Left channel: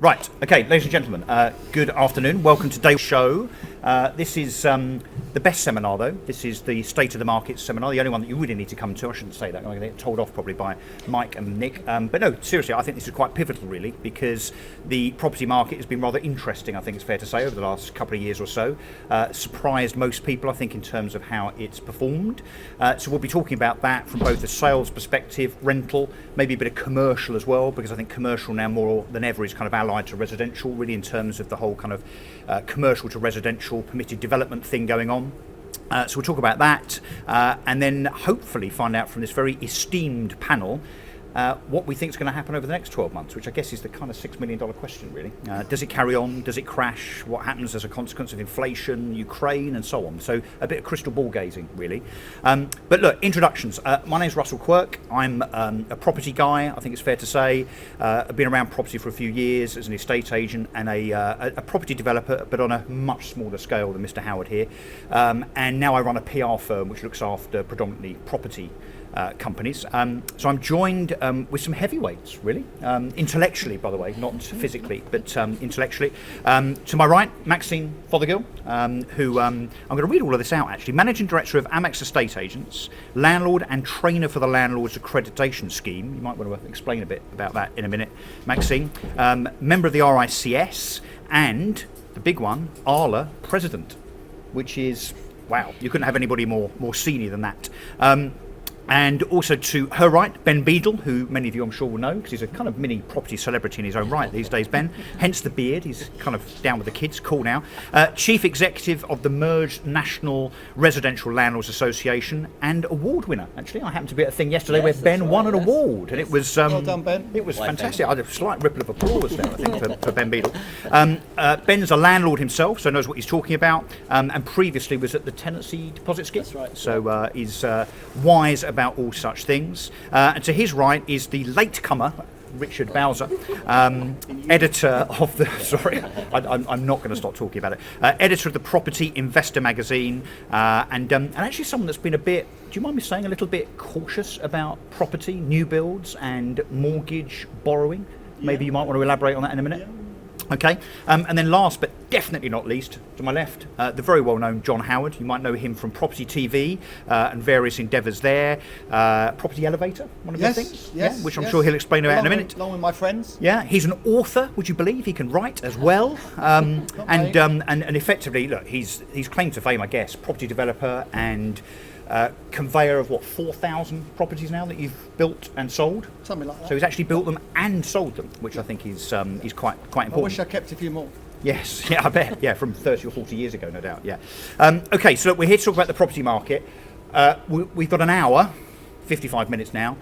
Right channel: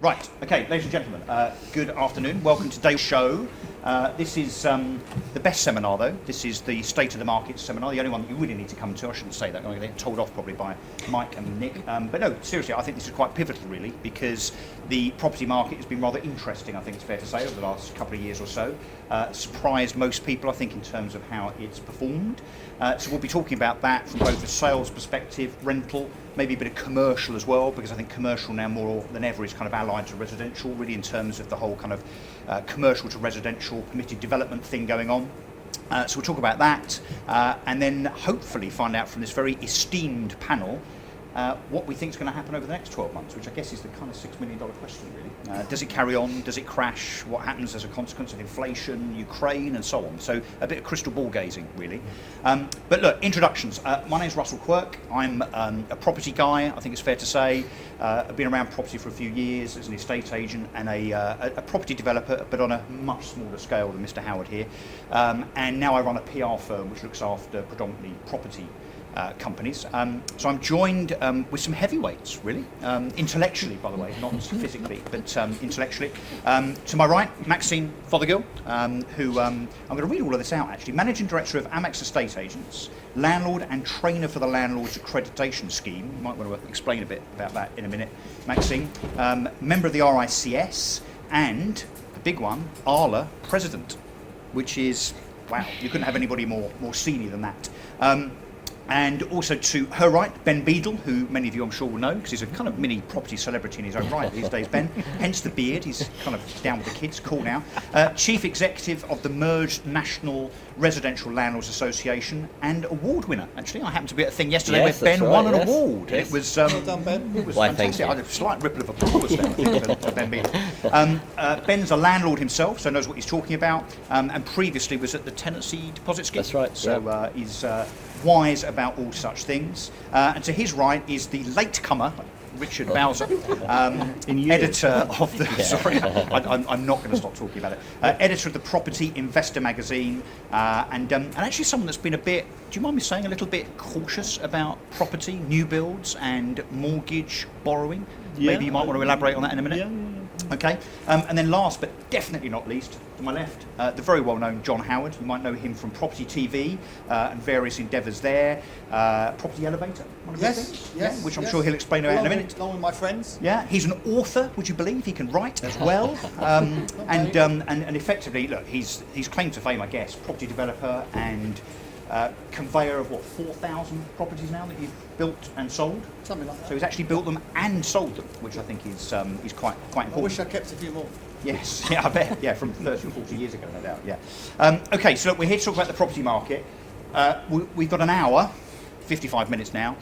Right, okay, ladies and gentlemen, good afternoon. Welcome to today's show. This is the best seminar, though. This is the State of the Market seminar, the only one that you really need to come to. I shouldn't say that. I'm going to get told off probably by Mike and Nick. But no, seriously, I think this is quite pivotal, really, because the property market has been rather interesting, I think it's fair to say, over the last couple of years or so. Surprised most people, I think, in terms of how it's performed. So we'll be talking about that from both a sales perspective, rental, maybe a bit of commercial as well, because I think commercial now more than ever is kind of allied to residential, really, in terms of the whole kind of commercial to residential permitted development thing going on. So we'll talk about that and then hopefully find out from this very esteemed panel what we think is going to happen over the next 12 months, which I guess is the kind of $6 million question, really. Does it carry on? Does it crash? What happens as a consequence of inflation, Ukraine, and so on? So a bit of crystal ball gazing, really. But look, introductions. My name's Russell Quirk. I'm a property guy, I think it's fair to say. I've been around property for a few years as an estate agent and a property developer, but on a much smaller scale than Mr. Howard here. And now I run a PR firm which looks after predominantly property companies. So I'm joined with some heavyweights, really, intellectually, by the way, not physically, but intellectually. To my right, Maxine Fothergill, who I'm going to read all of this out, actually. Managing Director of Amax Estate Agents, landlord and trainer for the Landlords Accreditation Scheme. You might want to explain a bit about that in a minute, Maxine. Member of the RICS, and the big one, ALA President, which is, wow, you couldn't have anybody more senior than that. And also to her right, Ben Beadle, who many of you I'm sure will know, because he's a kind of mini property celebrity in his own right these days, Ben. Hence the beard, he's kind of down with the kids, cool now. Chief Executive of the merged National Residential Landlords Association and award winner, actually. I happened to be at a thing yesterday where Ben won an award. And it was, well done, Ben. It was fantastic. I had a slight ripple of applause there, I think, for Ben Beadle. Ben's a landlord himself, so knows what he's talking about, and previously was at the Tenancy Deposit Scheme. That's right. So he's wise about all such things. And to his right is the latecomer, Richard Bowser, editor of the. Sorry, I'm not going to stop talking about it. Editor of the Property Investor magazine, and actually someone that's been a bit. Do you mind me saying a little bit cautious about property, new builds, and mortgage borrowing? Yeah. Maybe you might want to elaborate on that in a minute. Yeah. Okay, and then last but definitely not least, to my left, the very well-known John Howard. You might know him from Property TV and various endeavours there. Property Elevator, one of those things, which I'm sure he'll explain about in a minute. Along with my friends. Yeah, he's an author. Would you believe he can write as well? And effectively, look, he's claim to fame, I guess, property developer and conveyor of 4,000 properties now that you've built and sold. Something like that. So he's actually built them and sold them, which I think is quite important. I wish I kept a few more. Yes, yeah, I bet. Yeah, from 30 or 40 years ago, no doubt. Yeah. Okay, so look, we're here to talk about the property market. We've got an hour, 55 minutes now.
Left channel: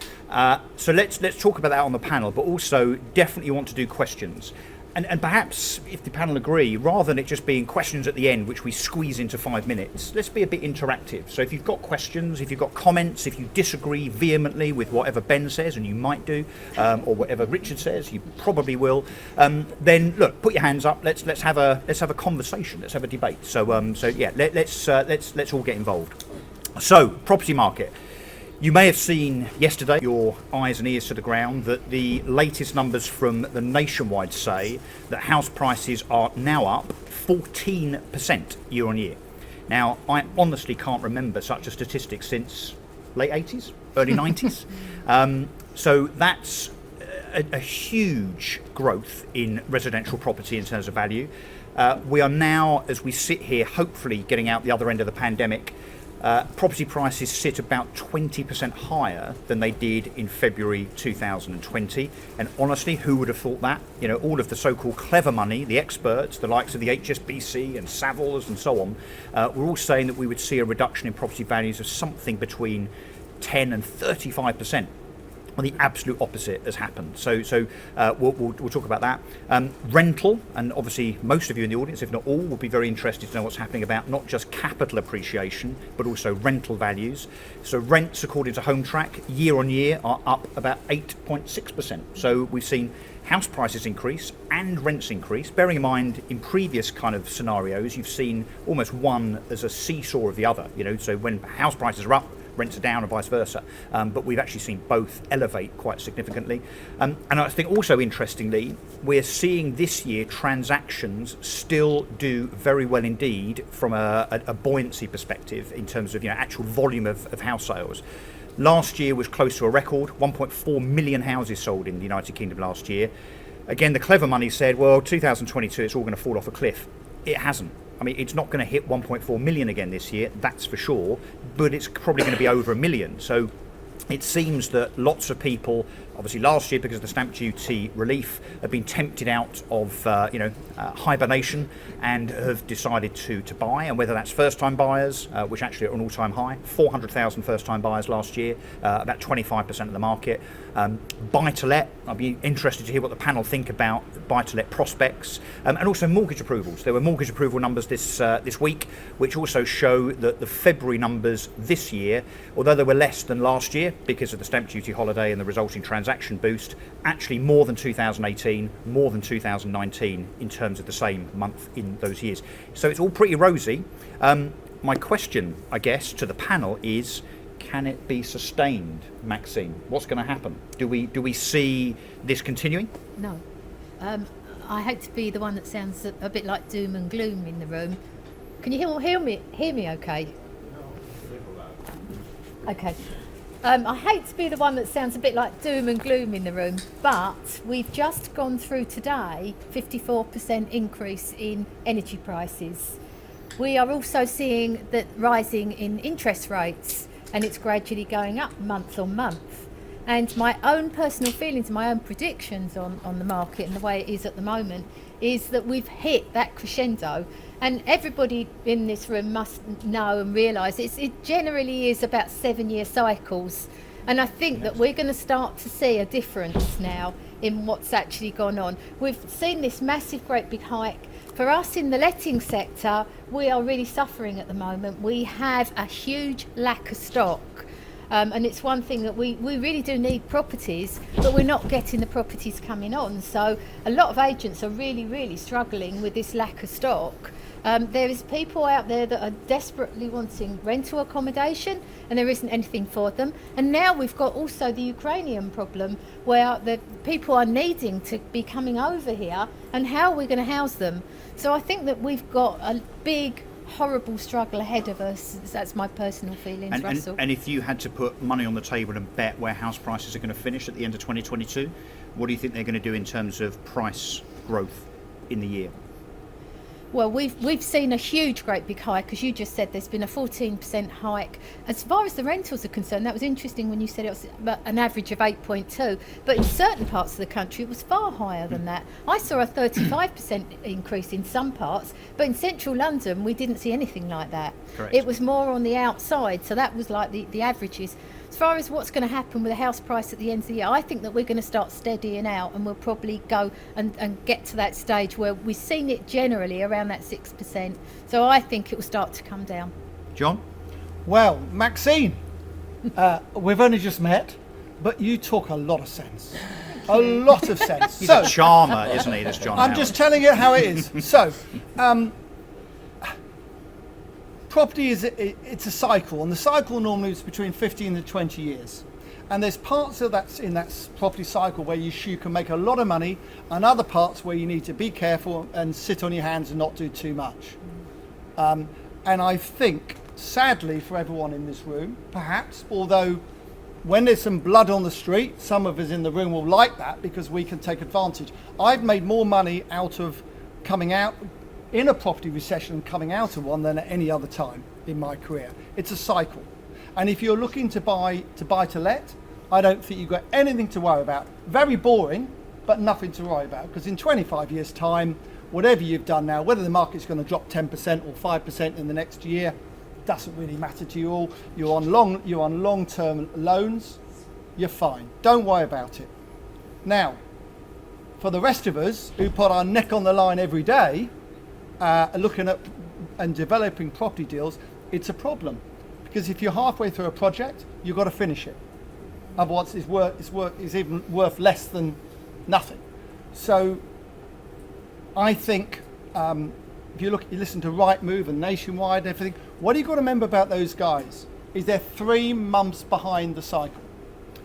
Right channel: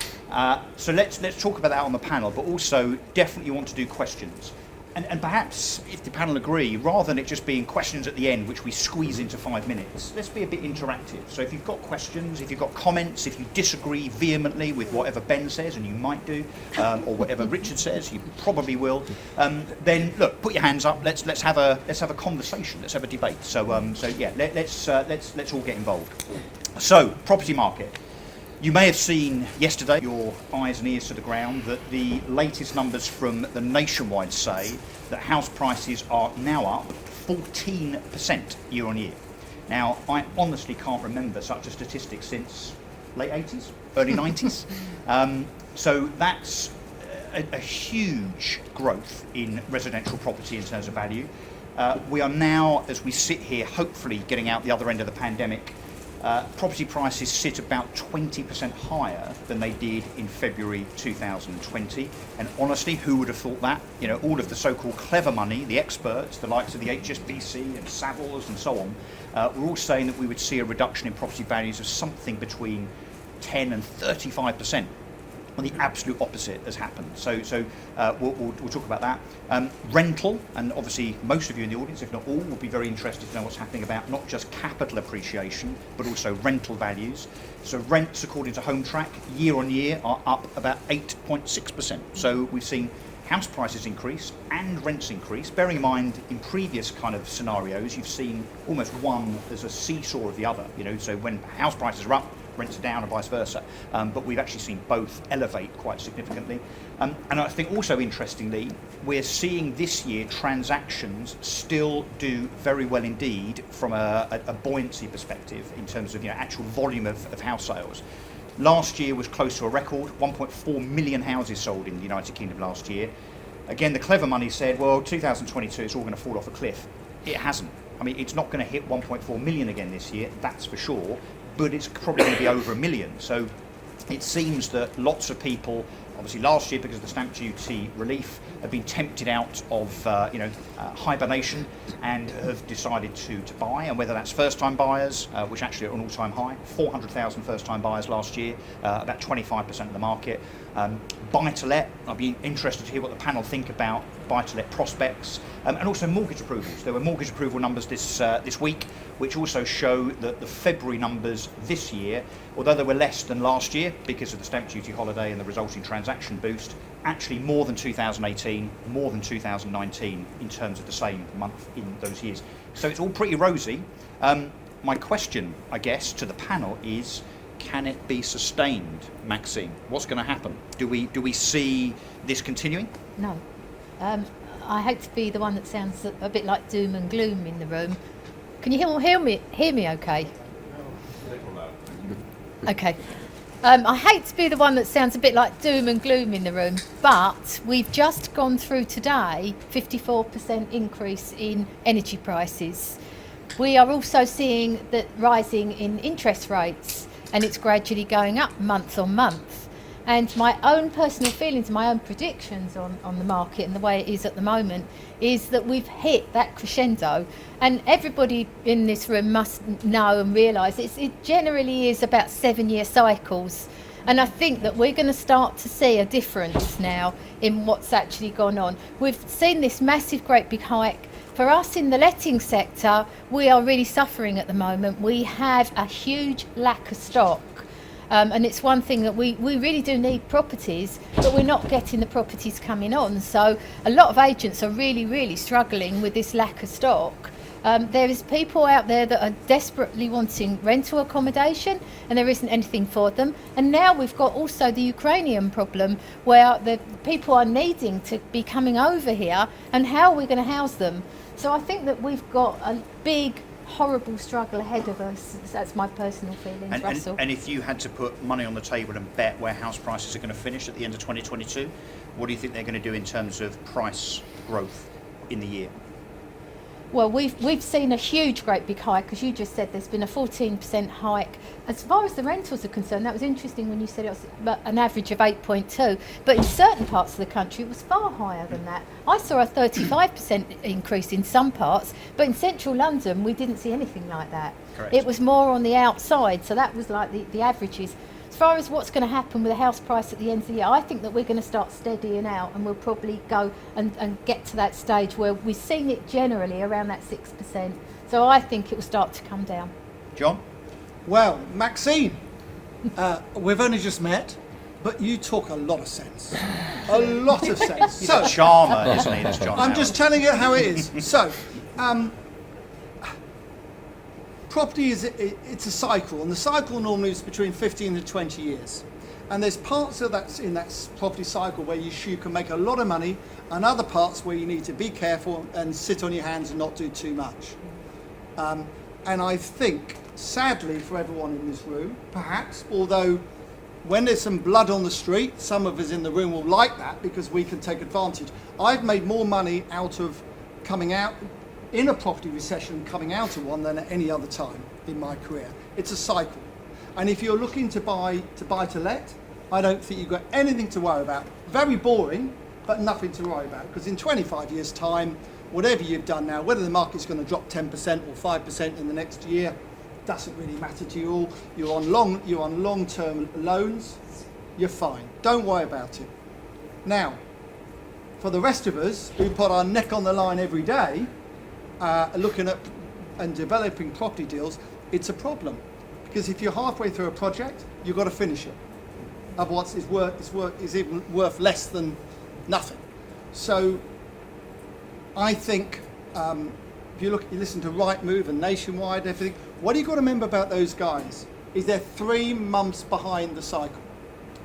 So let's talk about that on the panel, but also definitely want to do questions. And perhaps, if the panel agree, rather than it just being questions at the end, which we squeeze into 5 minutes, let's be a bit interactive. So if you've got questions, if you've got comments, if you disagree vehemently with whatever Ben says, and you might do, or whatever Richard says, you probably will, then look, put your hands up. Let's have a conversation. Let's have a debate. So yeah, let's all get involved. So property market. You may have seen yesterday, your eyes and ears to the ground, that the latest numbers from the Nationwide say that house prices are now up 14% year on year. Now, I honestly can't remember such a statistic since late 80s, early 90s. So that's a huge growth in residential property in terms of value. We are now, as we sit here, hopefully getting out the other end of the pandemic, property prices sit about 20% higher than they did in February 2020. And honestly, who would have thought that? You know, all of the so-called clever money, the experts, the likes of the HSBC and Savills and so on, were all saying that we would see a reduction in property values of something between 10 and 35%. Well, the absolute opposite has happened. So we'll talk about that. Rental, and obviously most of you in the audience, if not all, will be very interested to know what's happening about not just capital appreciation, but also rental values. So rents, according to Home Track, year on year are up about 8.6%. So we've seen house prices increase and rents increase. Bearing in mind, in previous kind of scenarios, you've seen almost one as a seesaw of the other. You know, so when house prices are up, rents are down and vice versa. But we've actually seen both elevate quite significantly. And I think also interestingly, we're seeing this year transactions still do very well indeed from a buoyancy perspective in terms of actual volume of house sales. Last year was close to a record, 1.4 million houses sold in the United Kingdom last year. Again, the clever money said, well, 2022, it's all going to fall off a cliff. It hasn't. I mean, it's not going to hit 1.4 million again this year, that's for sure, but it's probably going to be over a million. So it seems that lots of people, obviously last year because of the stamp duty relief, have been tempted out of hibernation and have decided to buy, and whether that's first-time buyers, which actually are at an all-time high, 400,000 first-time buyers last year, about 25% of the market. Buy-to-let, I'll be interested to hear what the panel think about buy-to-let prospects, and also mortgage approvals. There were mortgage approval numbers this week, which also show that the February numbers this year, although they were less than last year because of the stamp duty holiday and the resulting transaction boost, actually more than 2018, more than 2019 in terms of the same month in those years. So it's all pretty rosy. My question, I guess, to the panel is, can it be sustained, Maxine? What's going to happen? Do we see this continuing? No. I hate to be the one that sounds a bit like doom and gloom in the room. Can you all hear me okay? Okay. I hate to be the one that sounds a bit like doom and gloom in the room, but we've just gone through today 54% increase in energy prices. We are also seeing that rising in interest rates, and it's gradually going up month on month. And my own personal feelings, my own predictions on the market and the way it is at the moment is that we've hit that crescendo. And everybody in this room must know and realise it generally is about 7-year cycles. And I think that we're going to start to see a difference now in what's actually gone on. We've seen this massive, great big hike. For us in the letting sector, we are really suffering at the moment. We have a huge lack of stock. And it's one thing that we really do need properties, but we're not getting the properties coming on. So a lot of agents are really, really struggling with this lack of stock. There is people out there that are desperately wanting rental accommodation, and there isn't anything for them. And now we've got also the Ukrainian problem, where the people are needing to be coming over here, and how are we going to house them? So I think that we've got a big, horrible struggle ahead of us. That's my personal feelings, Russell. And if you had to put money on the table and bet where house prices are going to finish at the end of 2022, what do you think they're going to do in terms of price growth in the year? Well, we've seen a huge, great big hike, as you just said. There's been a 14% hike. As far as the rentals are concerned, that was interesting when you said it was about an average of 8.2, but in certain parts of the country it was far higher than that. I saw a 35% increase in some parts, but in central London we didn't see anything like that. Correct. It was more on the outside, so that was like the averages. As far as what's going to happen with the house price at the end of the year, I think that we're going to start steadying out, and we'll probably go and get to that stage where we've seen it generally around that 6%. So I think it will start to come down. John? Well, Maxine, we've only just met, but you talk a lot of sense. A lot of sense. He's a charmer, isn't he, this John? I'm just telling you how it is. So, property it's a cycle, and the cycle normally is between 15 and 20 years. And there's parts of that in that property cycle where you can make a lot of money, and other parts where you need to be careful and sit on your hands and not do too much. And I think, sadly for everyone in this room, perhaps, although when there's some blood on the street, some of us in the room will like that because we can take advantage. I've made more money out of coming out in a property recession, coming out of one, than at any other time in my career. It's a cycle. And if you're looking to buy to let, I don't think you've got anything to worry about. Very boring, but nothing to worry about. Because in 25 years' time, whatever you've done now, whether the market's going to drop 10% or 5% in the next year, doesn't really matter to you all. You're on long-term loans, you're fine. Don't worry about it. Now, for the rest of us who put our neck on the line every day, looking at and developing property deals, it's a problem. Because if you're halfway through a project, you've got to finish it. Otherwise, it's even worth less than nothing. So, I think if you listen to Rightmove and Nationwide and everything, what do you got to remember about those guys? is they're 3 months behind the cycle.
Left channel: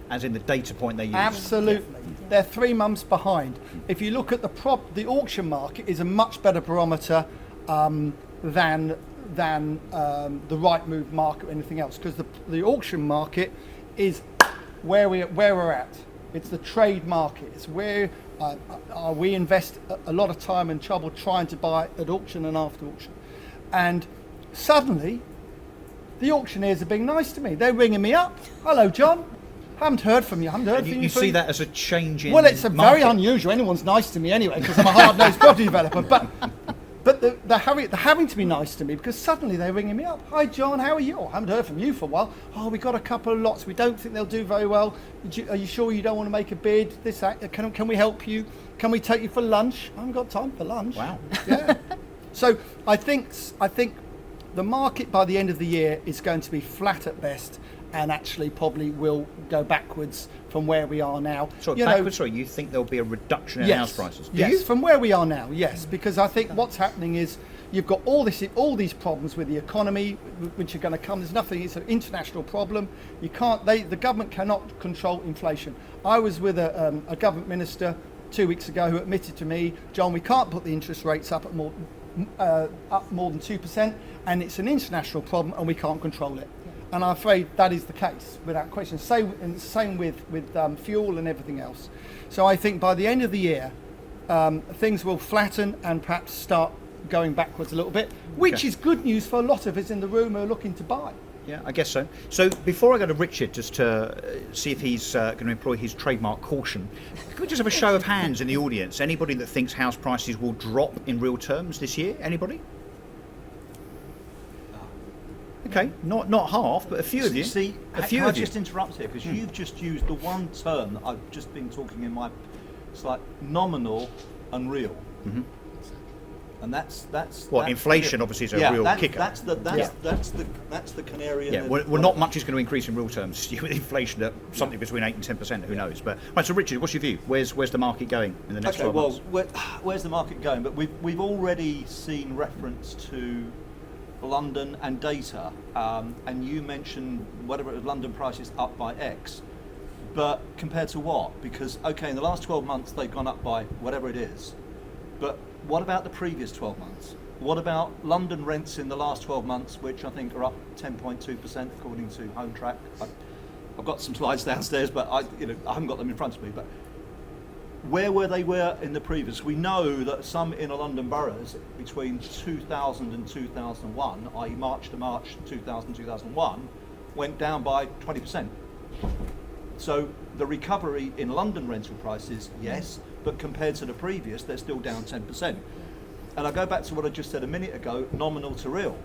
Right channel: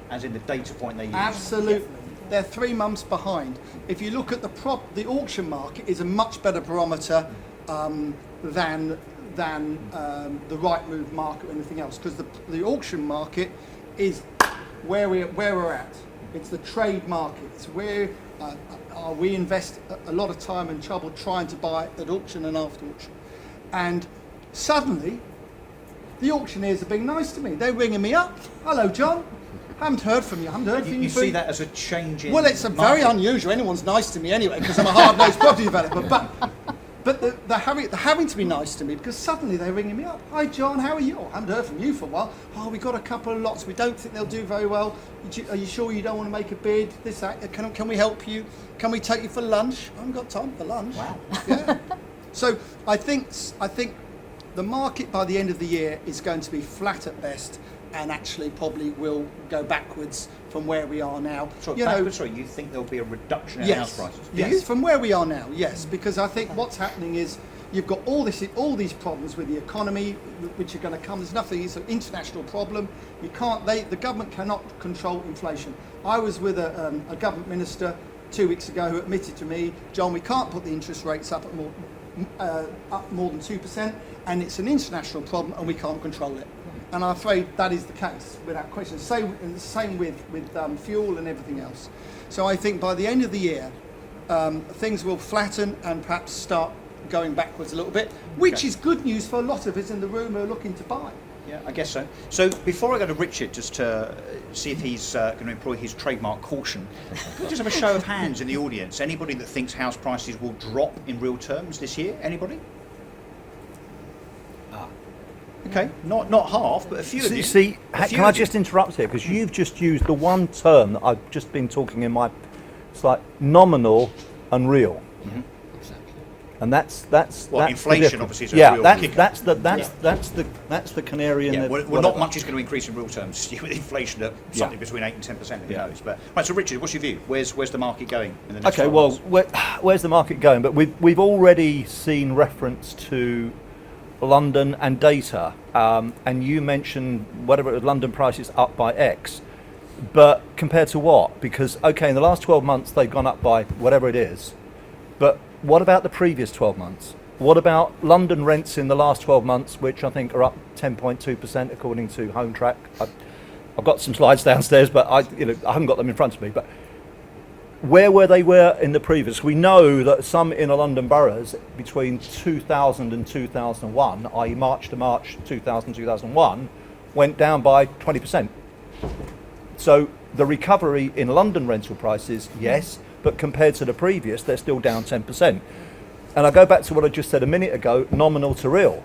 As in the data point they use. Absolutely. They're 3 months behind. If you look at the auction market is a much better barometer than the right move market or anything else, because the auction market is where we're at. It's the trade market. It's where we invest a lot of time and trouble trying to buy at auction and after auction. And suddenly, the auctioneers are being nice to me. They're ringing me up. Hello, John. Haven't heard from you. Haven't heard from you. You see that as a change in Well, it's a market. very unusual. Anyone's nice to me anyway, because I'm a hard-nosed property developer. But they're having to be nice to me because suddenly they're ringing me up. Hi, John. How are you? Oh, I haven't heard from you for a while. Oh, we got a couple of lots. We don't think they'll do very well. Are you sure you don't want to make a bid? This, that. Can we help you? Can we take you for lunch? I haven't got time for lunch. Wow. Yeah. So I think the market by the end of the year is going to be flat at best, and actually probably will go backwards from where we are now. So you think there'll be a reduction in house prices? Do Yes, you? from where we are now, yes, because I think what's happening is you've got all these problems with the economy, which are going to come. There's nothing. It's an international problem. You can't. The government cannot control inflation. I was with a government minister 2 weeks ago who admitted to me, John, we can't put the interest rates up more than 2%, and it's an international problem, and we can't control it. And I'm afraid that is the case, without question. Same with fuel and everything else. So I think by the end of the year, things will flatten and perhaps start going backwards a little bit, which is good news for a lot of us in the room who are looking to buy. Yeah, I guess so. So before I go to Richard, just to see if he's going to employ his trademark caution, can we just have a show of hands in the audience? Anybody that thinks house prices will drop in real terms this year? Anybody? Okay, not half, but a few of you. See, can I just interrupt here? Because you've just used the one term that I've just been talking in my, it's like nominal and real. Mm-hmm. And that's inflation obviously is a real kicker. That's the canary in the. Well, not much is going to increase in real terms with inflation at something between 8 and 10%. Who knows? But right, so Richard, what's your view? Where's the market going in the next? Okay, well, where's the market going? But we've already seen reference to London and data, and you mentioned whatever it was, London prices up by X, but compared to what? Because in the last 12 months they've gone up by whatever it is, but what about the previous 12 months? What about London rents in the last 12 months, which I think are up 10.2% according to Home Track? I've got some slides downstairs, but I haven't got them in front of me. But where were they in the previous? We know that some inner London boroughs between 2000 and 2001, i.e. March to March 2001, went down by 20%. So the recovery in London rental prices, yes, but compared to the previous, they're still down 10%. And I go back to what I just said a minute ago, nominal to real.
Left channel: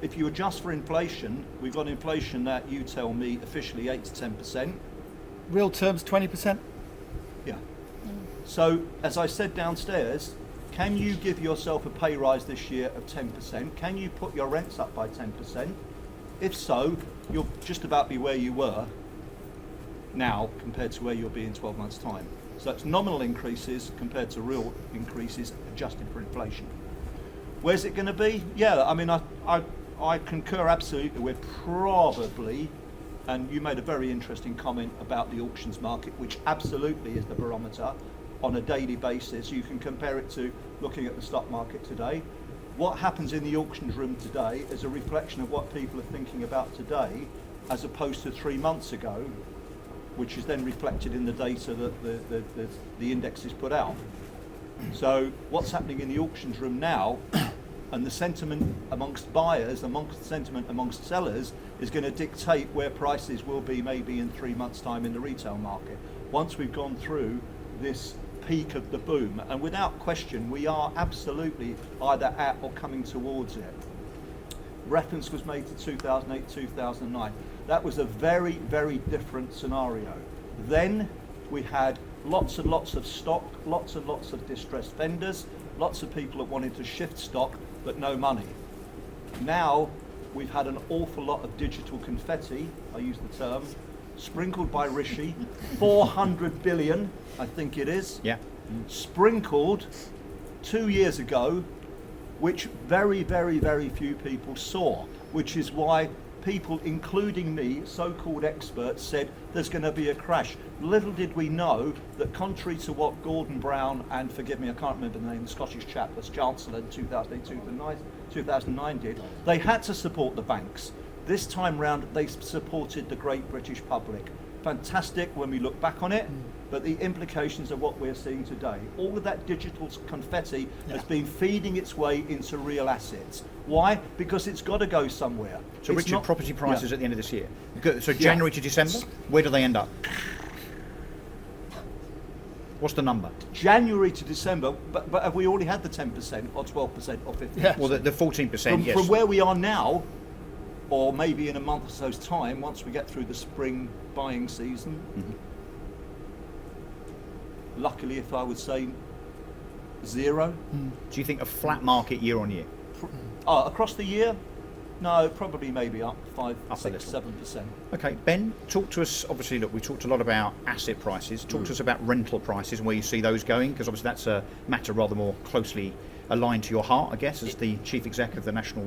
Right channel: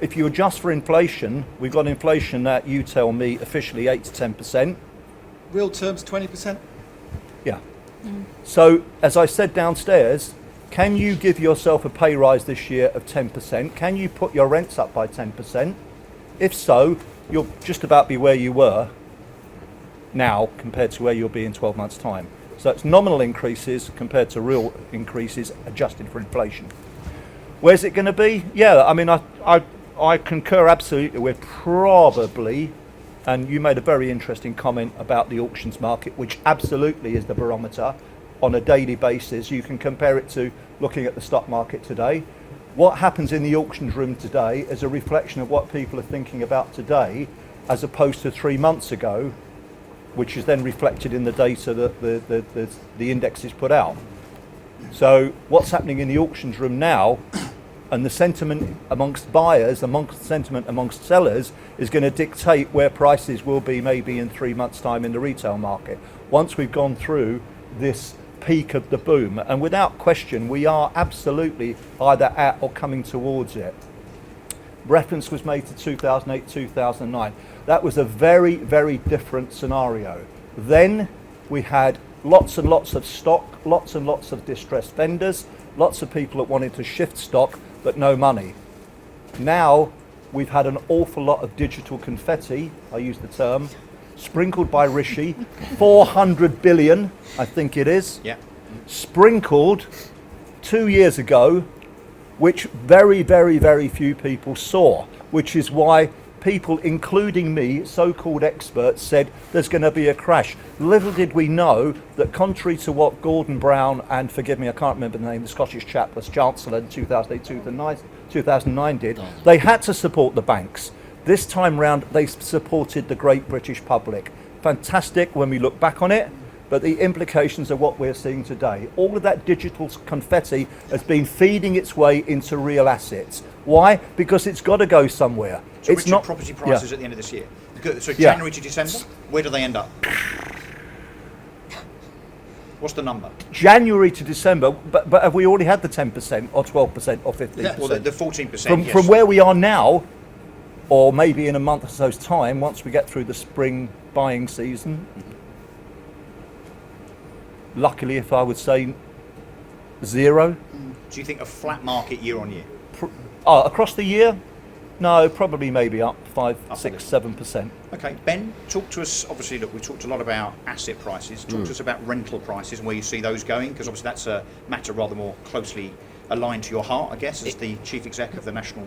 If you adjust for inflation, we've got inflation at, you tell me, officially 8 to 10%. Real terms, 20%. Yeah. So, as I said downstairs, can you give yourself a pay rise this year of 10%? Can you put your rents up by 10%? If so, you'll just about be where you were now compared to where you'll be in 12 months' time. So it's nominal increases compared to real increases adjusted for inflation. Where's it going to be? Yeah, I mean, I concur absolutely. We're probably, and you made a very interesting comment about the auctions market, which absolutely is the barometer on a daily basis. You can compare it to looking at the stock market today. What happens in the auctions room today is a reflection of what people are thinking about today, as opposed to 3 months ago, which is then reflected in the data that the indexes put out. So what's happening in the auctions room now, and the sentiment amongst buyers, amongst sentiment amongst sellers, is going to dictate where prices will be maybe in 3 months' time in the retail market, once we've gone through this peak of the boom. And without question, we are absolutely either at or coming towards it. Reference was made to 2008, 2009. That was a very, very different scenario. Then we had lots and lots of stock, lots and lots of distressed vendors, lots of people that wanted to shift stock, but no money. Now we've had an awful lot of digital confetti, I use the term, sprinkled by Rishi, 400 billion, I think it is, sprinkled 2 years ago, which very, very, very few people saw, which is why people, including me, so-called experts, said there's going to be a crash. Little did we know that, contrary to what Gordon Brown and, forgive me, I can't remember the name, the Scottish chap was Chancellor in 2009 did, they had to support the banks. This time round, they supported the great British public. Fantastic when we look back on it, but the implications are what we're seeing today. All of that digital confetti has been feeding its way into real assets. Why? Because it's got to go somewhere. So it's Richard, not property prices at the end of this year. So Yeah. January to December, where do they end up? What's the number? January to December, but have we already had the 10% or 12% or 15%? Yeah. Well, the 14%, yes. From where we are now, or maybe in a month or so's time, once we get through the spring buying season, luckily, if I would say 0. Do you think a flat market year on year? Across the year? No, probably maybe up 5, Up a 6, little. 7%. Okay, Ben, talk to us. Obviously, look, we talked a lot about asset prices. Talk to us about rental prices and where you see those going, because obviously that's a matter rather more closely aligned to your heart, I guess, as the chief exec of the National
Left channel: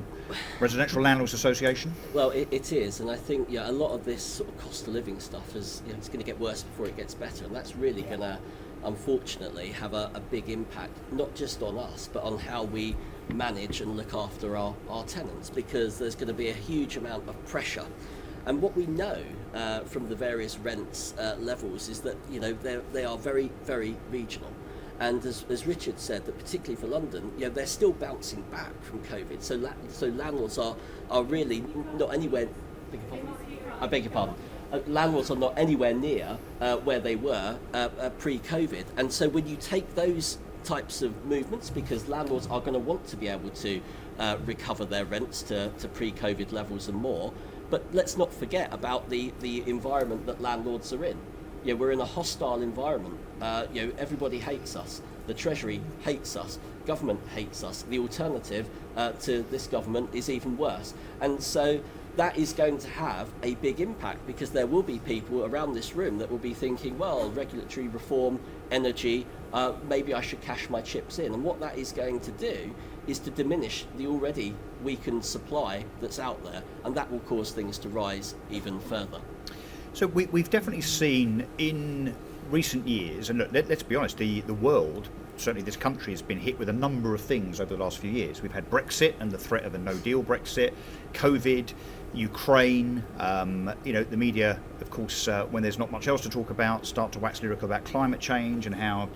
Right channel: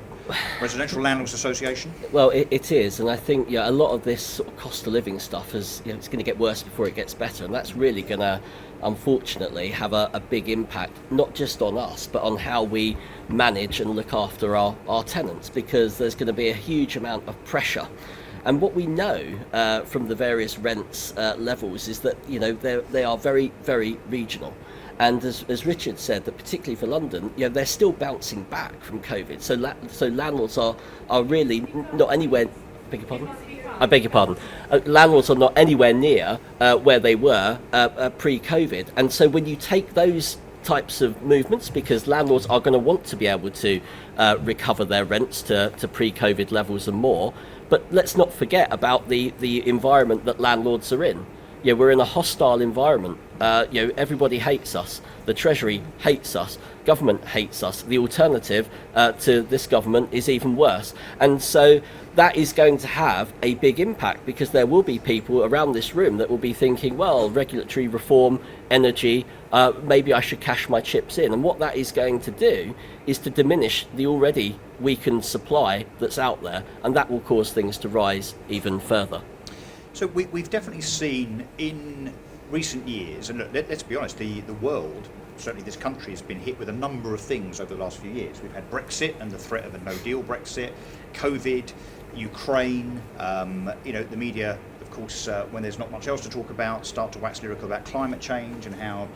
Residential Landlords Association. Well, it is, and I think a lot of this sort of cost of living stuff is, it's going to get worse before it gets better, and that's really going to, unfortunately, have a big impact, not just on us, but on how we manage and look after our tenants, because there's going to be a huge amount of pressure. And what we know from the various rents levels is that they are very, very regional. And as Richard said, that particularly for London, they're still bouncing back from COVID. So landlords are really not anywhere. I beg your pardon. Landlords are not anywhere near where they were pre-COVID. And so when you take those types of movements, because landlords are going to want to be able to recover their rents to pre-COVID levels and more. But let's not forget about the environment that landlords are in. We're in a hostile environment. Everybody hates us. The Treasury hates us. Government hates us. The alternative to this government is even worse. And so that is going to have a big impact, because there will be people around this room that will be thinking, well, regulatory reform, energy, maybe I should cash my chips in. And what that is going to do is to diminish the already weakened supply that's out there, and that will cause things to rise even further. So we've definitely seen in recent years, and look, let's be honest, the world, certainly this country, has been hit with a number of things over the last few years. We've had Brexit and the threat of a no-deal Brexit, COVID, Ukraine, the media, of course, when there's not much else to talk about, start to wax lyrical about climate change and how,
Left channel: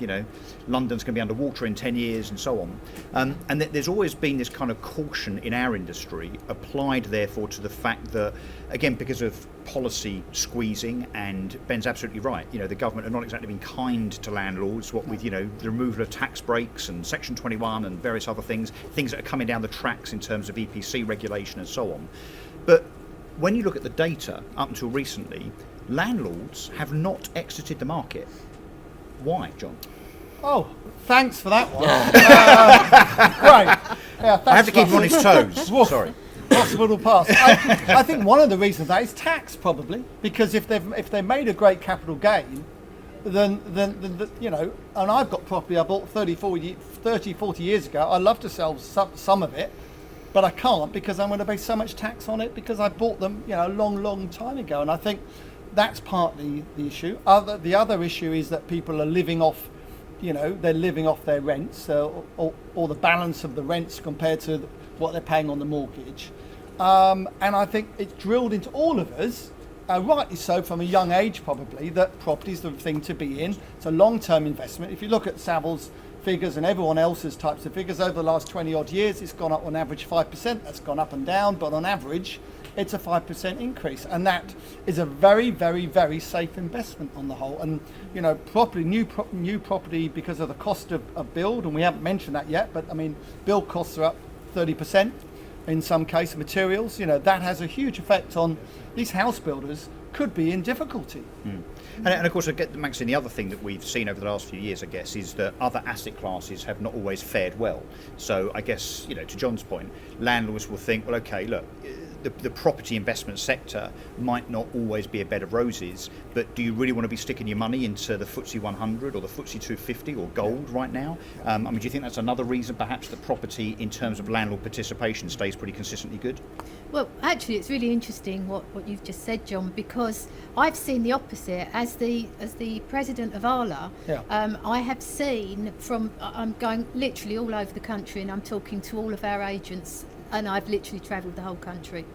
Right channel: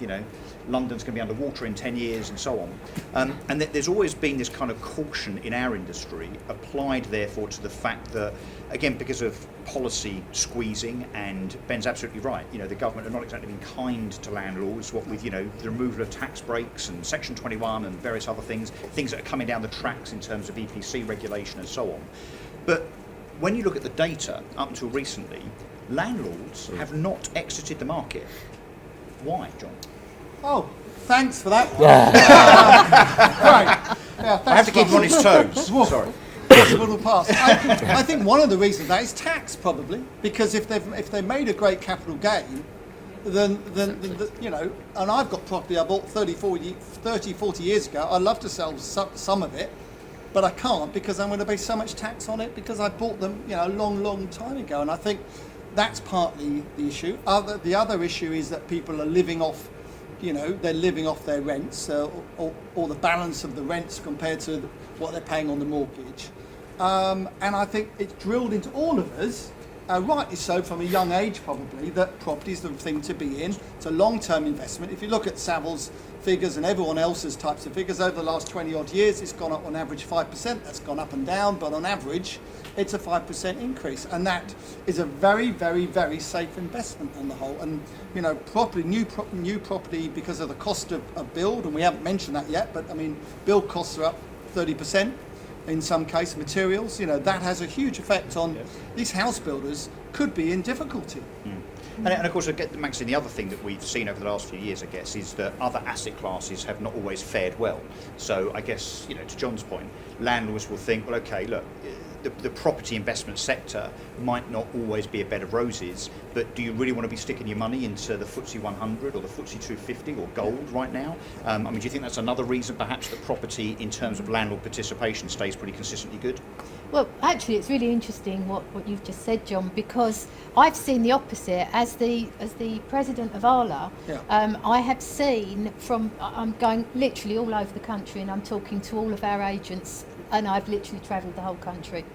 London's going to be underwater in 10 years and so on. And there's always been this kind of caution in our industry applied, therefore, to the fact that, again, because of policy squeezing, and Ben's absolutely right, the government have not exactly been kind to landlords, what with, the removal of tax breaks and Section 21 and various other things that are coming down the tracks in terms of EPC regulation and so on. But when you look at the data, up until recently, landlords have not exited the market. Why, John? Oh, thanks for that one. Right. Yeah, I have to keep thanks, him on his toes. Woof. Sorry. Possible to pass. I think one of the reasons for that is tax, probably, because if they made a great capital gain, then and I've got property I bought 30, 40 years ago. I'd love to sell some of it, but I can't, because I'm going to pay so much tax on it because I bought them a long time ago. And I think that's partly the issue. The other issue is that people are living off, they're living off their rents, or the balance of the rents compared to what they're paying on the mortgage. And I think it's drilled into all of us, rightly so from a young age probably, that property is the thing to be in. It's a long-term investment. If you look at Savills figures and everyone else's types of figures over the last 20 odd years, it's gone up on average 5%. That's gone up and down, but on average it's a 5% increase, and that is a very, very, very safe investment on the whole. And property, new property, because of the cost of build, and we haven't mentioned that yet, but I mean, build costs are up 30% in some cases, materials, that has a huge effect on these house builders, could be in difficulty. And of course, Maxine, the other thing that we've seen over the last few years, I guess, is that other asset classes have not always fared well. So I guess, to John's point, landlords will think, well, okay, look, the property investment sector might not always be a bed of roses, but do you really want to be sticking your money into the FTSE 100 or the FTSE 250 or gold right now? I mean, do you think that's another reason perhaps that property in terms of landlord participation stays pretty consistently good? Well, actually, it's really interesting what you've just said, John, because I've seen the opposite. As the president of ALA, I have seen I'm going literally all over the country, and I'm talking to all of our agents, and I've literally travelled the whole country.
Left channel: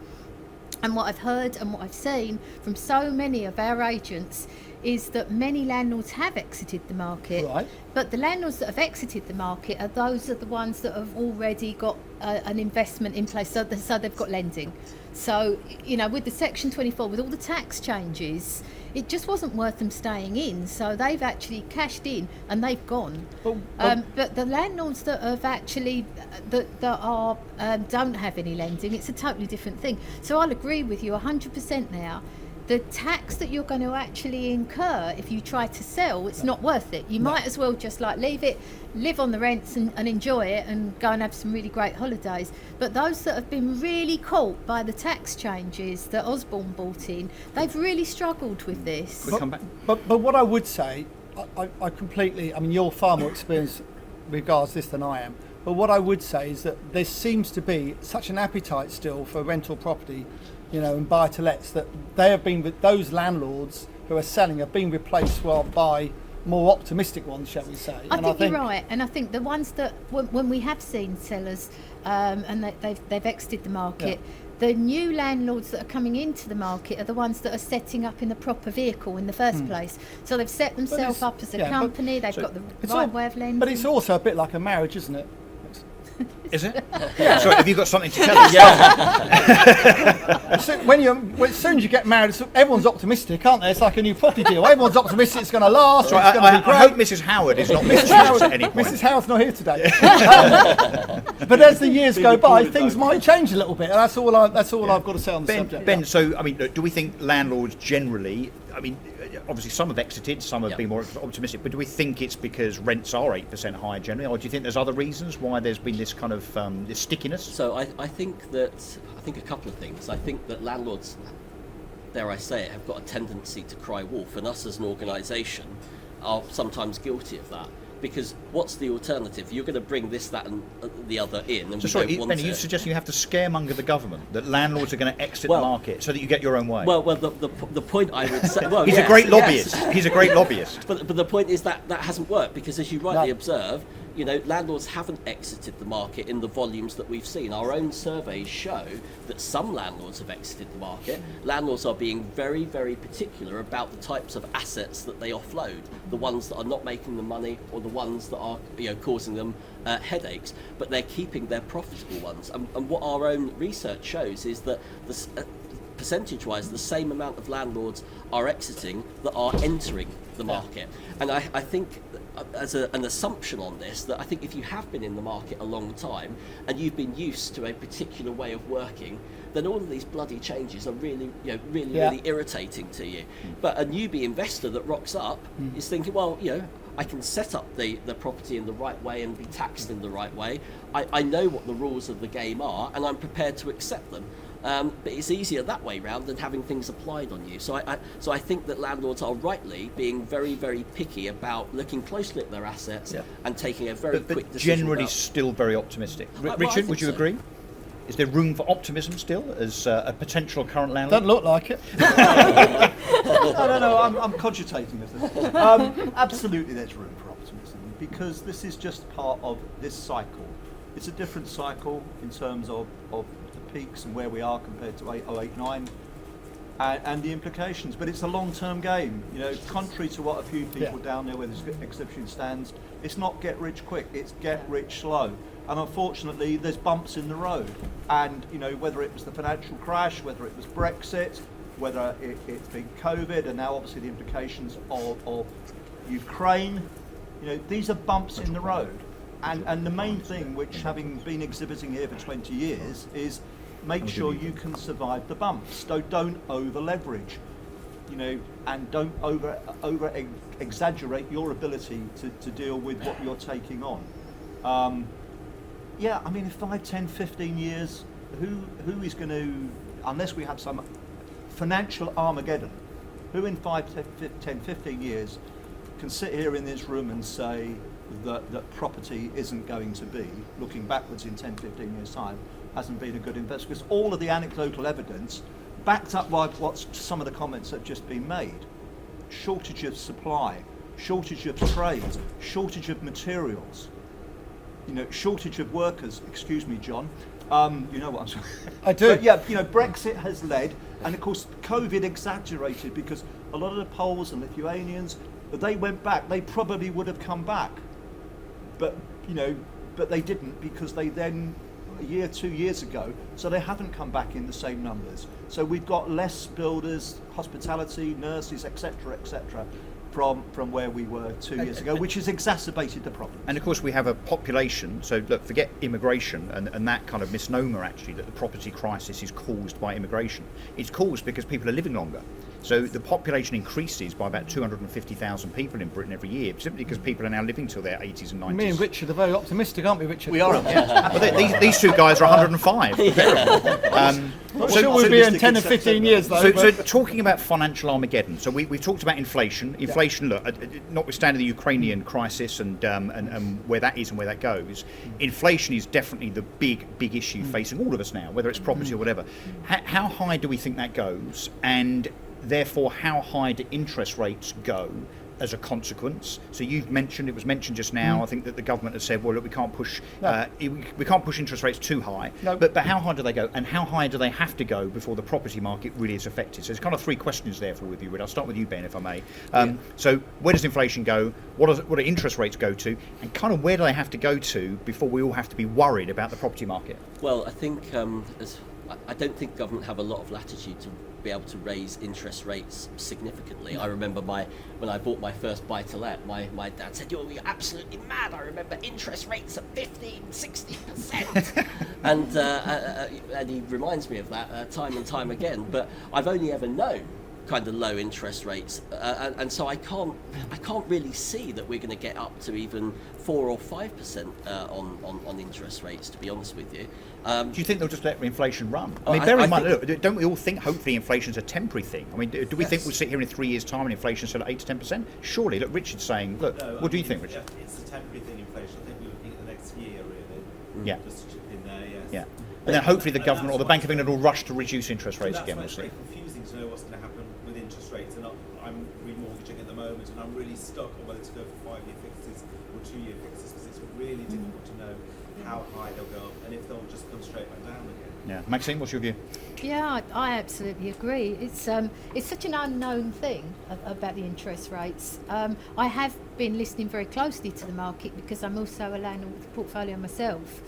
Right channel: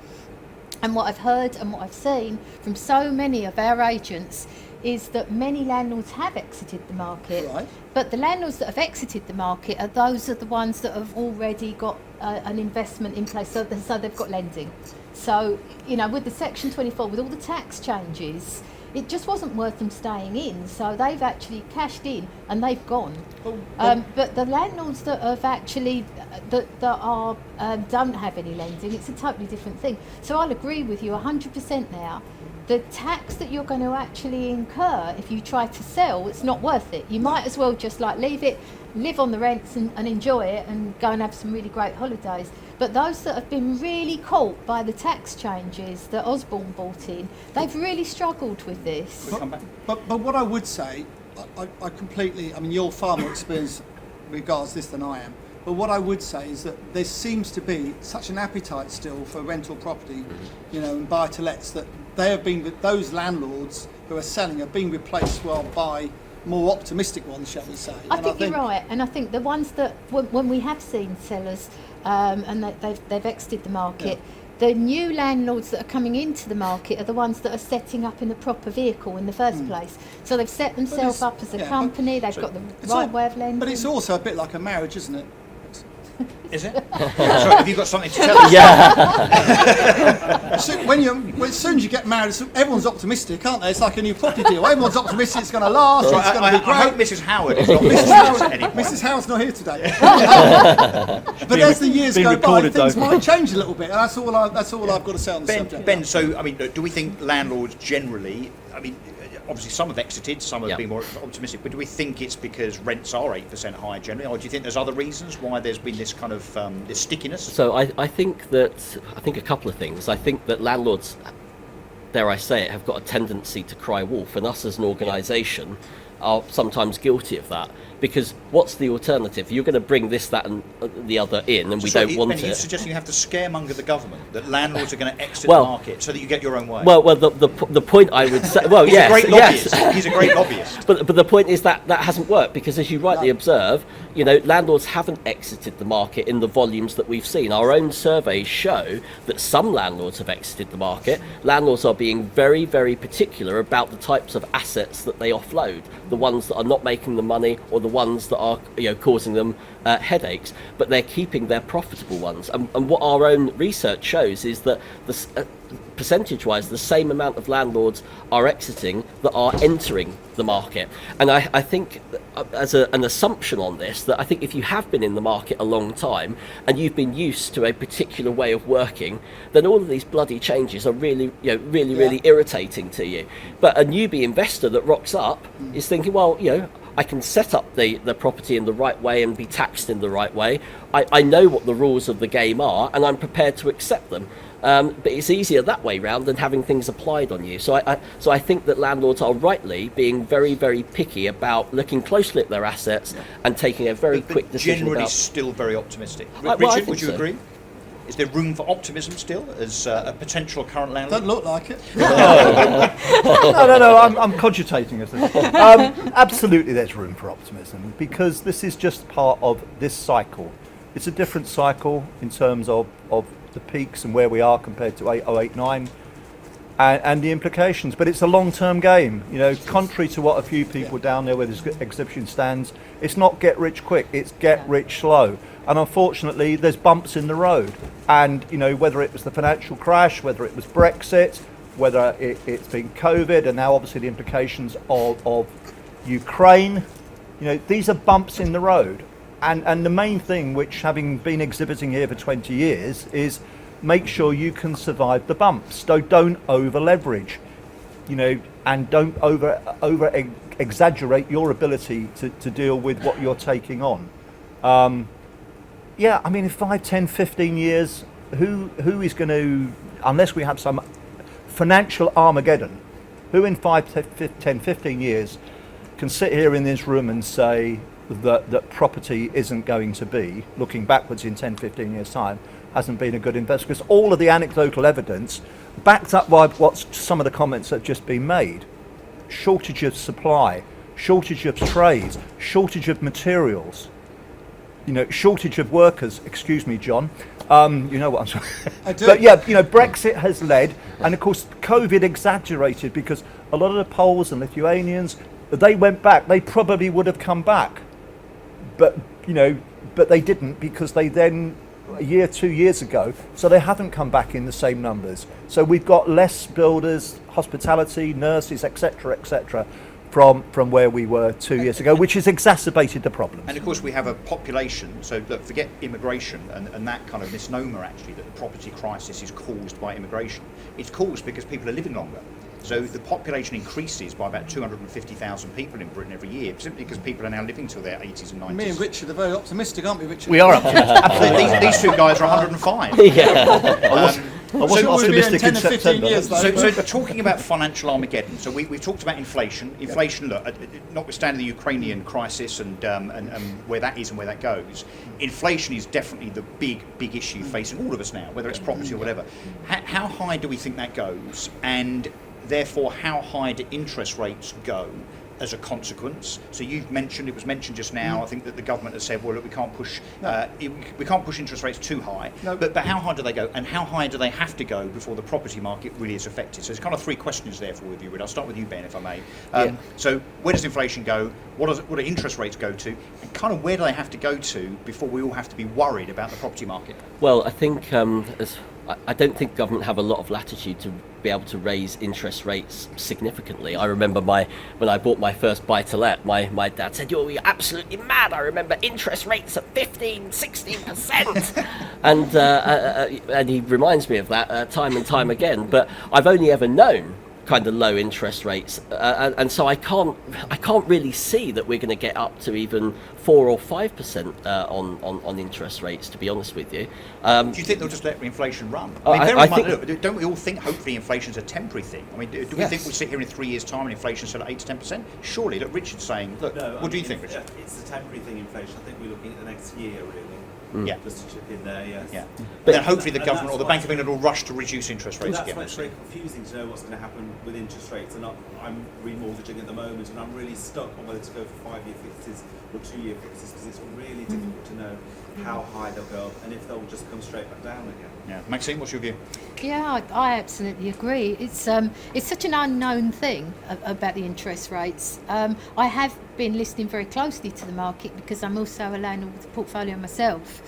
And what I've heard and what I've seen from so many of our agents is that many landlords have exited the market. Right. But the landlords that have exited the market are the ones that have already got an investment in place, so they've got lending. So, with the Section 24, with all the tax changes, it just wasn't worth them staying in. So they've actually cashed in and they've gone. But the landlords that have actually don't have any lending, it's a totally different thing. So I'll agree with you 100% now. The tax that you're going to actually incur if you try to sell, it's not worth it. You might as well just leave it, live on the rents and enjoy it and go and have some really great holidays. But those that have been really caught by the tax changes that Osborne brought in, they've really struggled with this. But what I would say, I completely, I mean, you're far more experienced regards this than I am. But what I would say is that there seems to be such an appetite still for rental property, and buy-to-lets, that those landlords who are selling are being replaced by more optimistic ones, shall we say. I think you're right, and I think the ones that when we have seen sellers and they've exited the market, the new landlords that are coming into the market are the ones that are setting up in the proper vehicle in the first place. So they've set themselves up as a company, they've got the right way of lending. But it's also a bit like a marriage, isn't it? Is it? Sorry, have you got something to tell us? Yeah. So as soon as you get married, everyone's optimistic, aren't they? It's like a new property deal. Everyone's optimistic it's going to last. So it's going to be great. I hope Mrs. Howard is not listening at any point. Mrs. Howard's not here today. But as the years go by, things might change a little bit. That's all I've got to say on the subject. Ben, so I mean, do we think landlords generally? I mean, obviously some have exited, some have been more optimistic, but do we think it's because rents are 8% higher generally, or do you think there's other reasons why there's been this kind of this stickiness? So I think a couple of things. I think that landlords, dare I say it, have got a tendency to cry wolf, and us as an organisation are sometimes guilty of that. Because what's the alternative? You're going to bring this, that, and the other in, and we don't want it. You suggest you have to scaremonger the government that landlords are going to exit the market so that you get your own way. Well, the point I would say, he's a great lobbyist. He's a great lobbyist. But the point is that hasn't worked, because as you rightly observe, landlords haven't exited the market in the volumes that we've seen. Our own surveys show that some landlords have exited the market. Landlords are being very, very particular about the types of assets that they offload, the ones that are not making the money or the ones that are causing them headaches, but they're keeping their profitable ones. And what our own research shows is that percentage-wise, the same amount of landlords are exiting that are entering the market. And I think, as an assumption on this, that I think if you have been in the market a long time and you've been used to a particular way of working, then all of these bloody changes are really irritating to you. But a newbie investor that rocks up is thinking, well, I can set up the property in the right way and be taxed in the right way. I know what the rules of the game are, and I'm prepared to accept them. But it's easier that way round than having things applied on you. So I think that landlords are rightly being very, very picky about looking closely at their assets and taking a very quick decision. Generally, still very optimistic. Richard, would you agree? Is there room for optimism still as a potential current landlord? Don't look like it. No, I'm cogitating as this. Absolutely, there's room for optimism, because this is just part of this cycle. It's a different cycle in terms of the peaks and where we are compared to 0809 and the implications, but it's a long-term game. Contrary to what a few people down there where this exhibition stands, it's not get rich quick, it's get rich slow. And unfortunately, there's bumps in the road. And whether it was the financial crash, whether it was Brexit, whether it's been COVID, and now obviously the implications of Ukraine, these are bumps in the road. And the main thing, which having been exhibiting here for 20 years, is make sure you can survive the bumps. So don't over leverage, and don't over exaggerate your ability to deal with what you're taking on. In 5, 10, 15 years, who is going to unless we have some financial Armageddon, who in 5, 10, 15 years can sit here in this room and say that property isn't going to be, looking backwards in 10, 15 years' time, hasn't been a good investment? Because all of the anecdotal evidence, backed up by what some of the comments that have just been made, shortage of supply, shortage of trades, shortage of materials, shortage of workers, excuse me, John, you know what I'm saying. I do. But yeah, Brexit has led, and of course COVID exaggerated, because a lot of the Poles and Lithuanians, they went back, they probably would have come back, but they didn't, because they then, a year, 2 years ago, so they haven't come back in the same numbers. So we've got less builders, hospitality, nurses, etc., from where we were 2 years ago, which has exacerbated the problem. And of course we have a population, so look, forget immigration and that kind of misnomer actually, that the property crisis is caused by immigration. It's caused because people are living longer. So the population increases by about 250,000 people in Britain every year, simply because people are now living till their 80s and 90s. Me and Richard are very optimistic, aren't we, Richard? We are absolutely. These two guys are 105. So we'll be in 10 or 15 years, though. So talking about financial Armageddon, so we've talked about inflation. Inflation, look, notwithstanding the Ukrainian crisis and where that is and where that goes, inflation is definitely the big issue facing all of us now, whether it's property or whatever. How high do we think that goes? And therefore, how high do interest rates go as a consequence? So you've mentioned, it was mentioned just now, I think that the government has said, well, look, we can't push interest rates too high. No. But how high do they go, and how high do they have to go before the property market really is affected? So there's kind of three questions there for all of you. I'll start with you, Ben, if I may. So where does inflation go? What do interest rates go to? And kind of where do they have to go to before we all have to be worried about the property market? Well, I think I don't think government have a lot of latitude to be able to raise interest rates significantly. I remember when I bought my first buy-to-let, my dad said, "You're absolutely mad. I remember interest rates at 15-16%." and he reminds me of that time and time again. But I've only ever known kind of low interest rates, and so I can't really see that we're going to get up to even 4 or 5% on interest rates, to be honest with you. Do you think they'll just let inflation run? I mean, bear in mind, look, don't we all think hopefully inflation's a temporary thing? I mean, do we think we'll sit here in 3 years' time and inflation's sort of 8 to 10%? Surely, look, Richard's saying, look, No, what do you think, Richard? It's a temporary thing, inflation. I think we're looking at the next year, really. Yeah. Just to chip in there, yes. Yeah. But then hopefully the And government or the Bank of England will rush to reduce interest rates That's again. why We'll it's see. very confusing to know what's going to happen with interest rates, and I'm remortgaging at the moment, and I'm really stuck on whether to go for 5-year fixes or 2-year fixes, because it's really difficult to know how high they'll go and if they'll just come straight back down again. Yeah. Maxine, what's your view? Yeah, I absolutely agree. It's such an unknown thing about the interest rates. I have been listening very closely to the market because I'm also a landlord with a portfolio myself.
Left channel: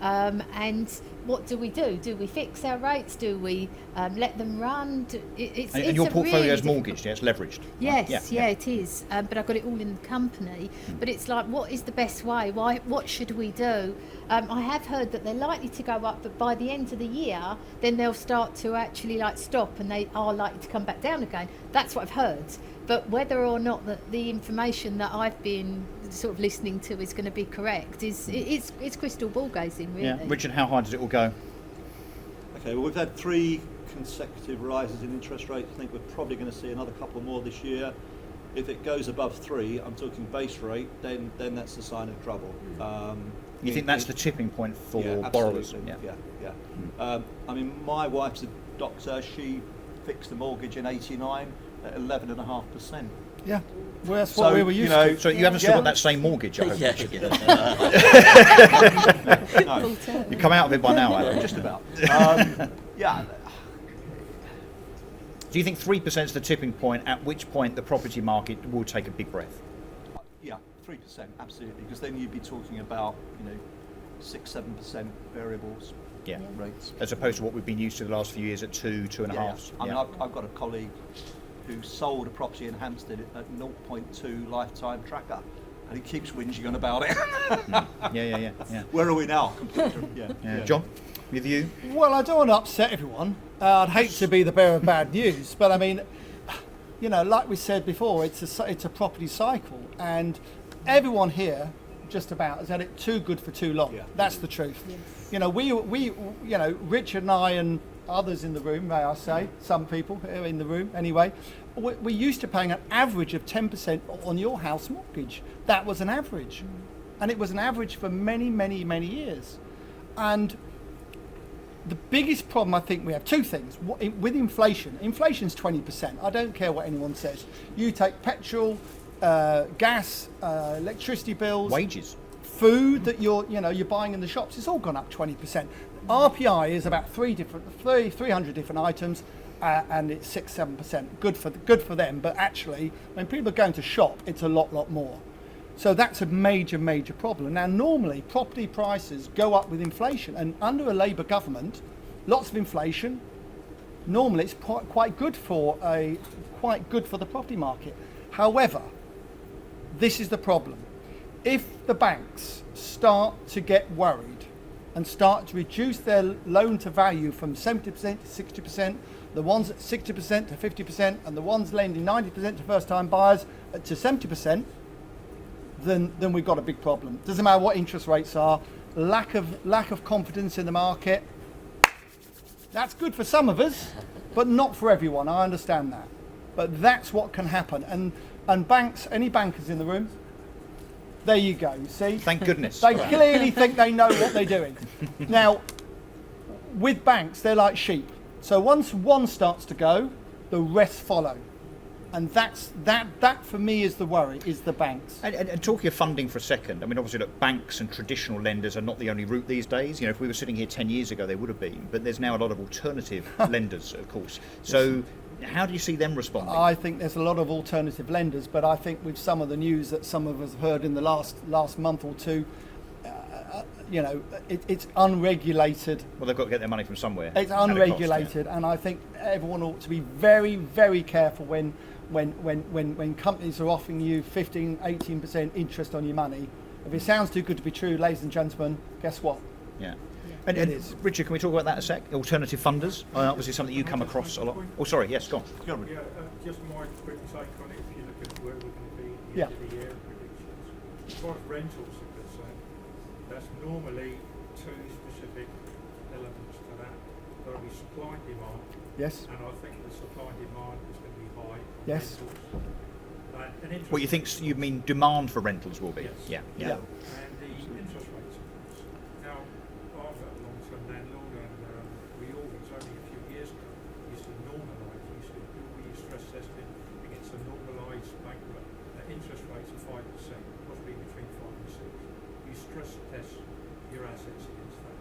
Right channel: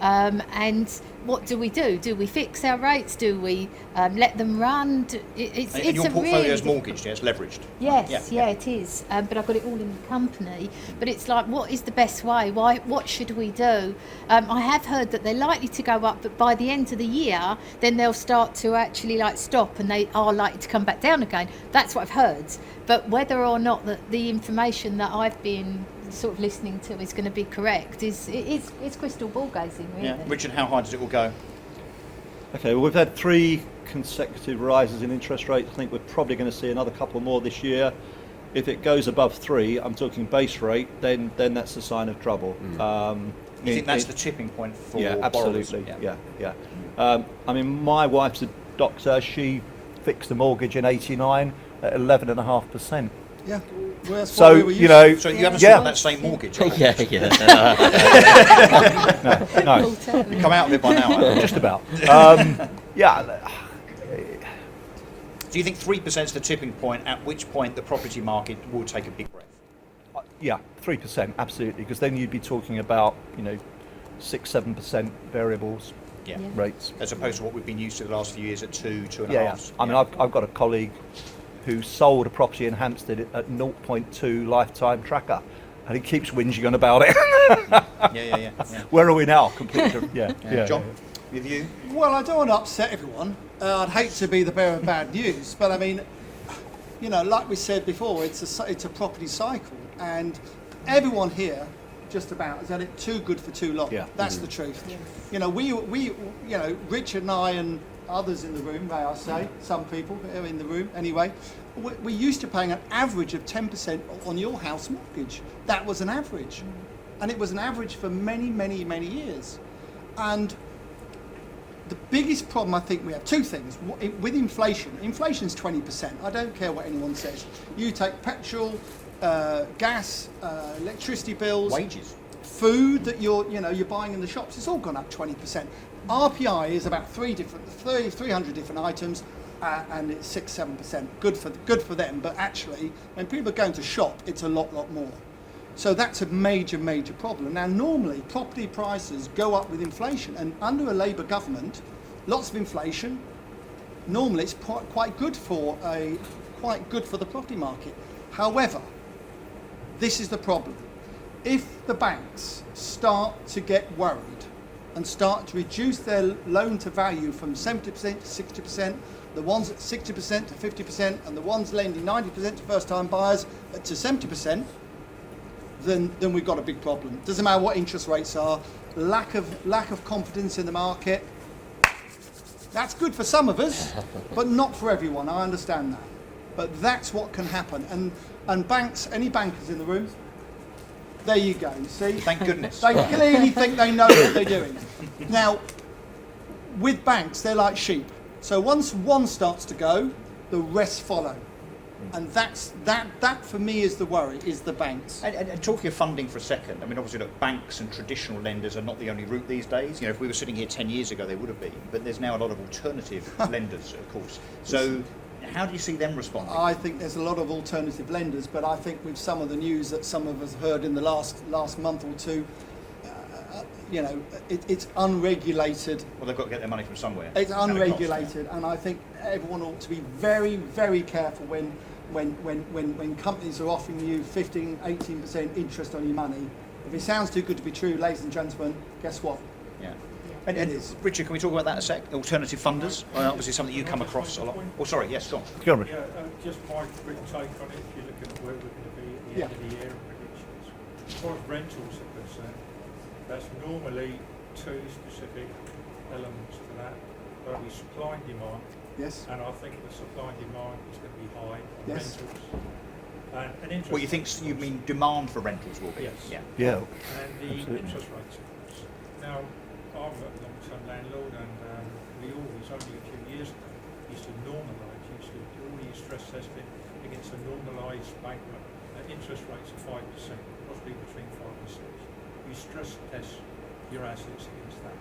And what do we do? Do we fix our rates? Do we let them run? It's And your a portfolio really is mortgaged, yeah, it's leveraged. Yes, yeah, it is. But I've got it all in the company. But it's like, what is the best way? What should we do? I have heard that they're likely to go up, but by the end of the year, then they'll start to actually stop, and they are likely to come back down again. That's what I've heard. But whether or not the information that I've been sort of listening to is going to be correct it's crystal ball gazing, really. Yeah. Richard, how high does it all go? Okay, well, we've had 3 consecutive rises in interest rates. I think we're probably going to see another couple more this year. If it goes above 3, I'm talking base rate, then that's a sign of trouble. You think that's the tipping point for borrowers? Absolutely. Yeah. I mean, my wife's a doctor. She fixed a mortgage in '89 at 11.5%. Yeah. Well, that's what we were used to. So you haven't still got that same mortgage? Yeah. No, You come out of it by now. just about. Yeah. Do you think 3% is the tipping point, at which point the property market will take a big breath? Yeah, 3%, absolutely, because then you'd be talking about 6-7% variables rates, As opposed to what we've been used to the last few years at 2.5%. Yeah. I mean, I've got a colleague who sold a property in Hampstead at 0.2 lifetime tracker, and he keeps whinging on about it. Yeah. Where are we now? Completely different. Yeah. John, with you? Well, I don't want to upset everyone. I'd hate to be the bearer of bad news, but I mean, like we said before, it's a property cycle, and everyone here, just about, has had it too good for too long. Yeah. That's the truth. We Richard and I and others in the room, may I say, some people here in the room anyway, we're used to paying an average of 10% on your house mortgage. That was an average. And it was an average for many, many, many years. And the biggest problem I think we have, two things. With inflation's 20%. I don't care what anyone says. You take petrol, gas, electricity bills, Wages. food that you're buying in the shops, it's all gone up 20%. RPI is about 300 different items, and it's 6-7%. Good for them, but actually when people are going to shop, it's a lot more. So that's a major problem. Now normally property prices go up with inflation, and under a Labour government, lots of inflation. Normally it's quite good for the property market. However, this is the problem. If the banks start to get worried and start to reduce their loan to value from 70% to 60%, the ones at 60% to 50%, and the ones lending 90% to first time buyers to 70%, then we've got a big problem. Doesn't matter what interest rates are, lack of confidence in the market. That's good for some of us, but not for everyone. I understand that. But that's what can happen. And banks, any bankers in the room, there you go, see? Thank goodness. They clearly think they know what they're doing. Now, with banks, they're like sheep. So once one starts to go, the rest follow. And that for me is the worry, is the banks. And talking of funding for a second, I mean, obviously, look, banks and traditional lenders are not the only route these days. If we were sitting here 10 years ago, they would have been. But there's now a lot of alternative lenders, of course. So how do you see them responding? I think there's a lot of alternative lenders, but I think with some of the news that some of us heard in the last month or two, it's unregulated. Well, they've got to get their money from somewhere. It's unregulated, and I think everyone ought to be very, very careful when companies are offering you 15, 18% interest on your money. If it sounds too good to be true, ladies and gentlemen, guess what? Yeah. And Richard, can we talk about that a sec? Alternative funders, obviously something you come across a lot. Oh, sorry, yes, go on. Go on, Rick. Just my quick take on it. If you look at where we're going to be in the end of the year and predictions, as far as rentals are concerned, that's normally two specific elements to that. There'll be supply and demand. Yes. And I think the supply and demand is going to be high on Yes. rentals. And interest What you mean demand for rentals will be? Yes. Yeah. And the interest rates, of course. Now, I'm a long-term landlord, and we always, only a few years ago, used to normalise, used to do all your stress testing against a normalised bank interest rates of 5%, possibly between 5 and 6. You stress test your assets against that.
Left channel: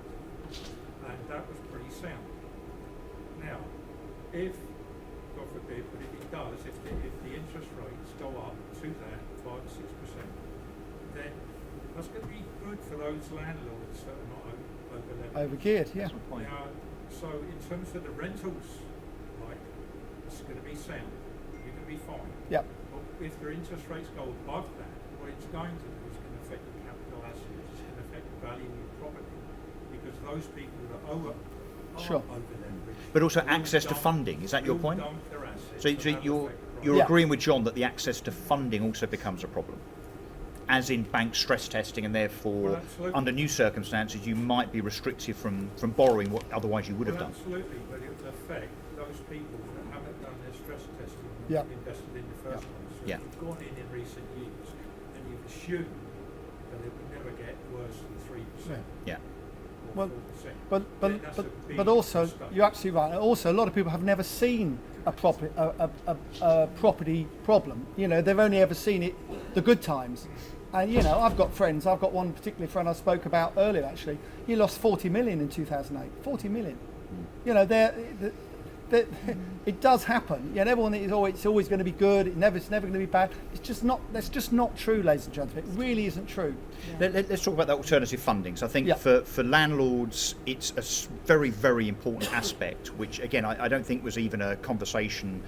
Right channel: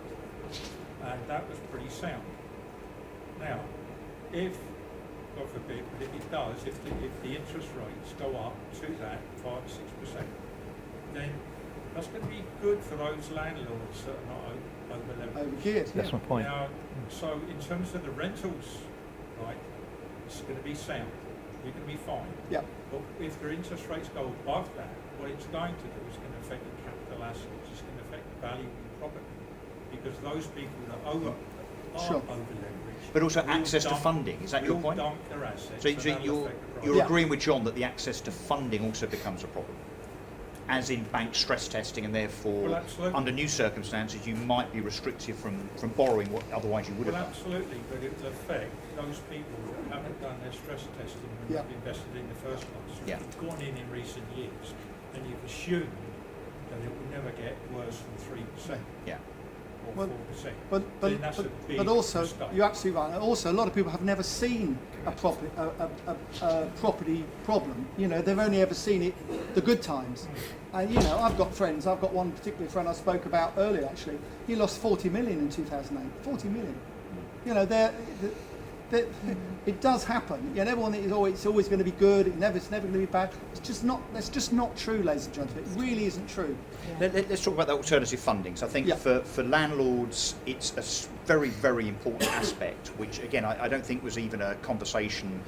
And that was pretty sound. Now, if, God forbid, but if it does, if the interest rates go up to that 5 or 6%, then that's going to be good for those landlords that are not over-leveraged. Overgeared, yeah. That's my point. Now, so in terms of the rentals, right, it's going to be sound. You're going to be fine. Yep. But if the interest rates go above that, what it's going to do is going to affect the capital assets. It's going to affect the value of the property, because those people that are Sure. over-leveraged. But also access to funding, is that your point? Dump their assets, So and that'll you're affect the price. you're Yeah. agreeing with John that the access to funding also becomes a problem, as in bank stress testing, and therefore Well, absolutely. under new circumstances you might be restricted from borrowing what otherwise you would have Well, done. absolutely, but it will affect those people that haven't done their stress testing and Yeah. invested in the first place. So Yeah. you've gone in recent years and you've assumed that it will never get worse than 3% Yeah. or Well, 4%. But Then that's a big but also, mistake. you're absolutely right. And also, a lot of people have never seen a property problem. They've only ever seen it the good times. And I've got friends. I've got one particular friend I spoke about earlier. Actually, he lost 40 million in 2008. 40 million. It does happen. Everyone is it's always going to be good. It's never going to be bad. That's just not true, ladies and gentlemen. It really isn't true. Let's talk about the alternative funding. So I think Yeah. for landlords, it's a very, very important aspect, which again I don't think was even a conversation,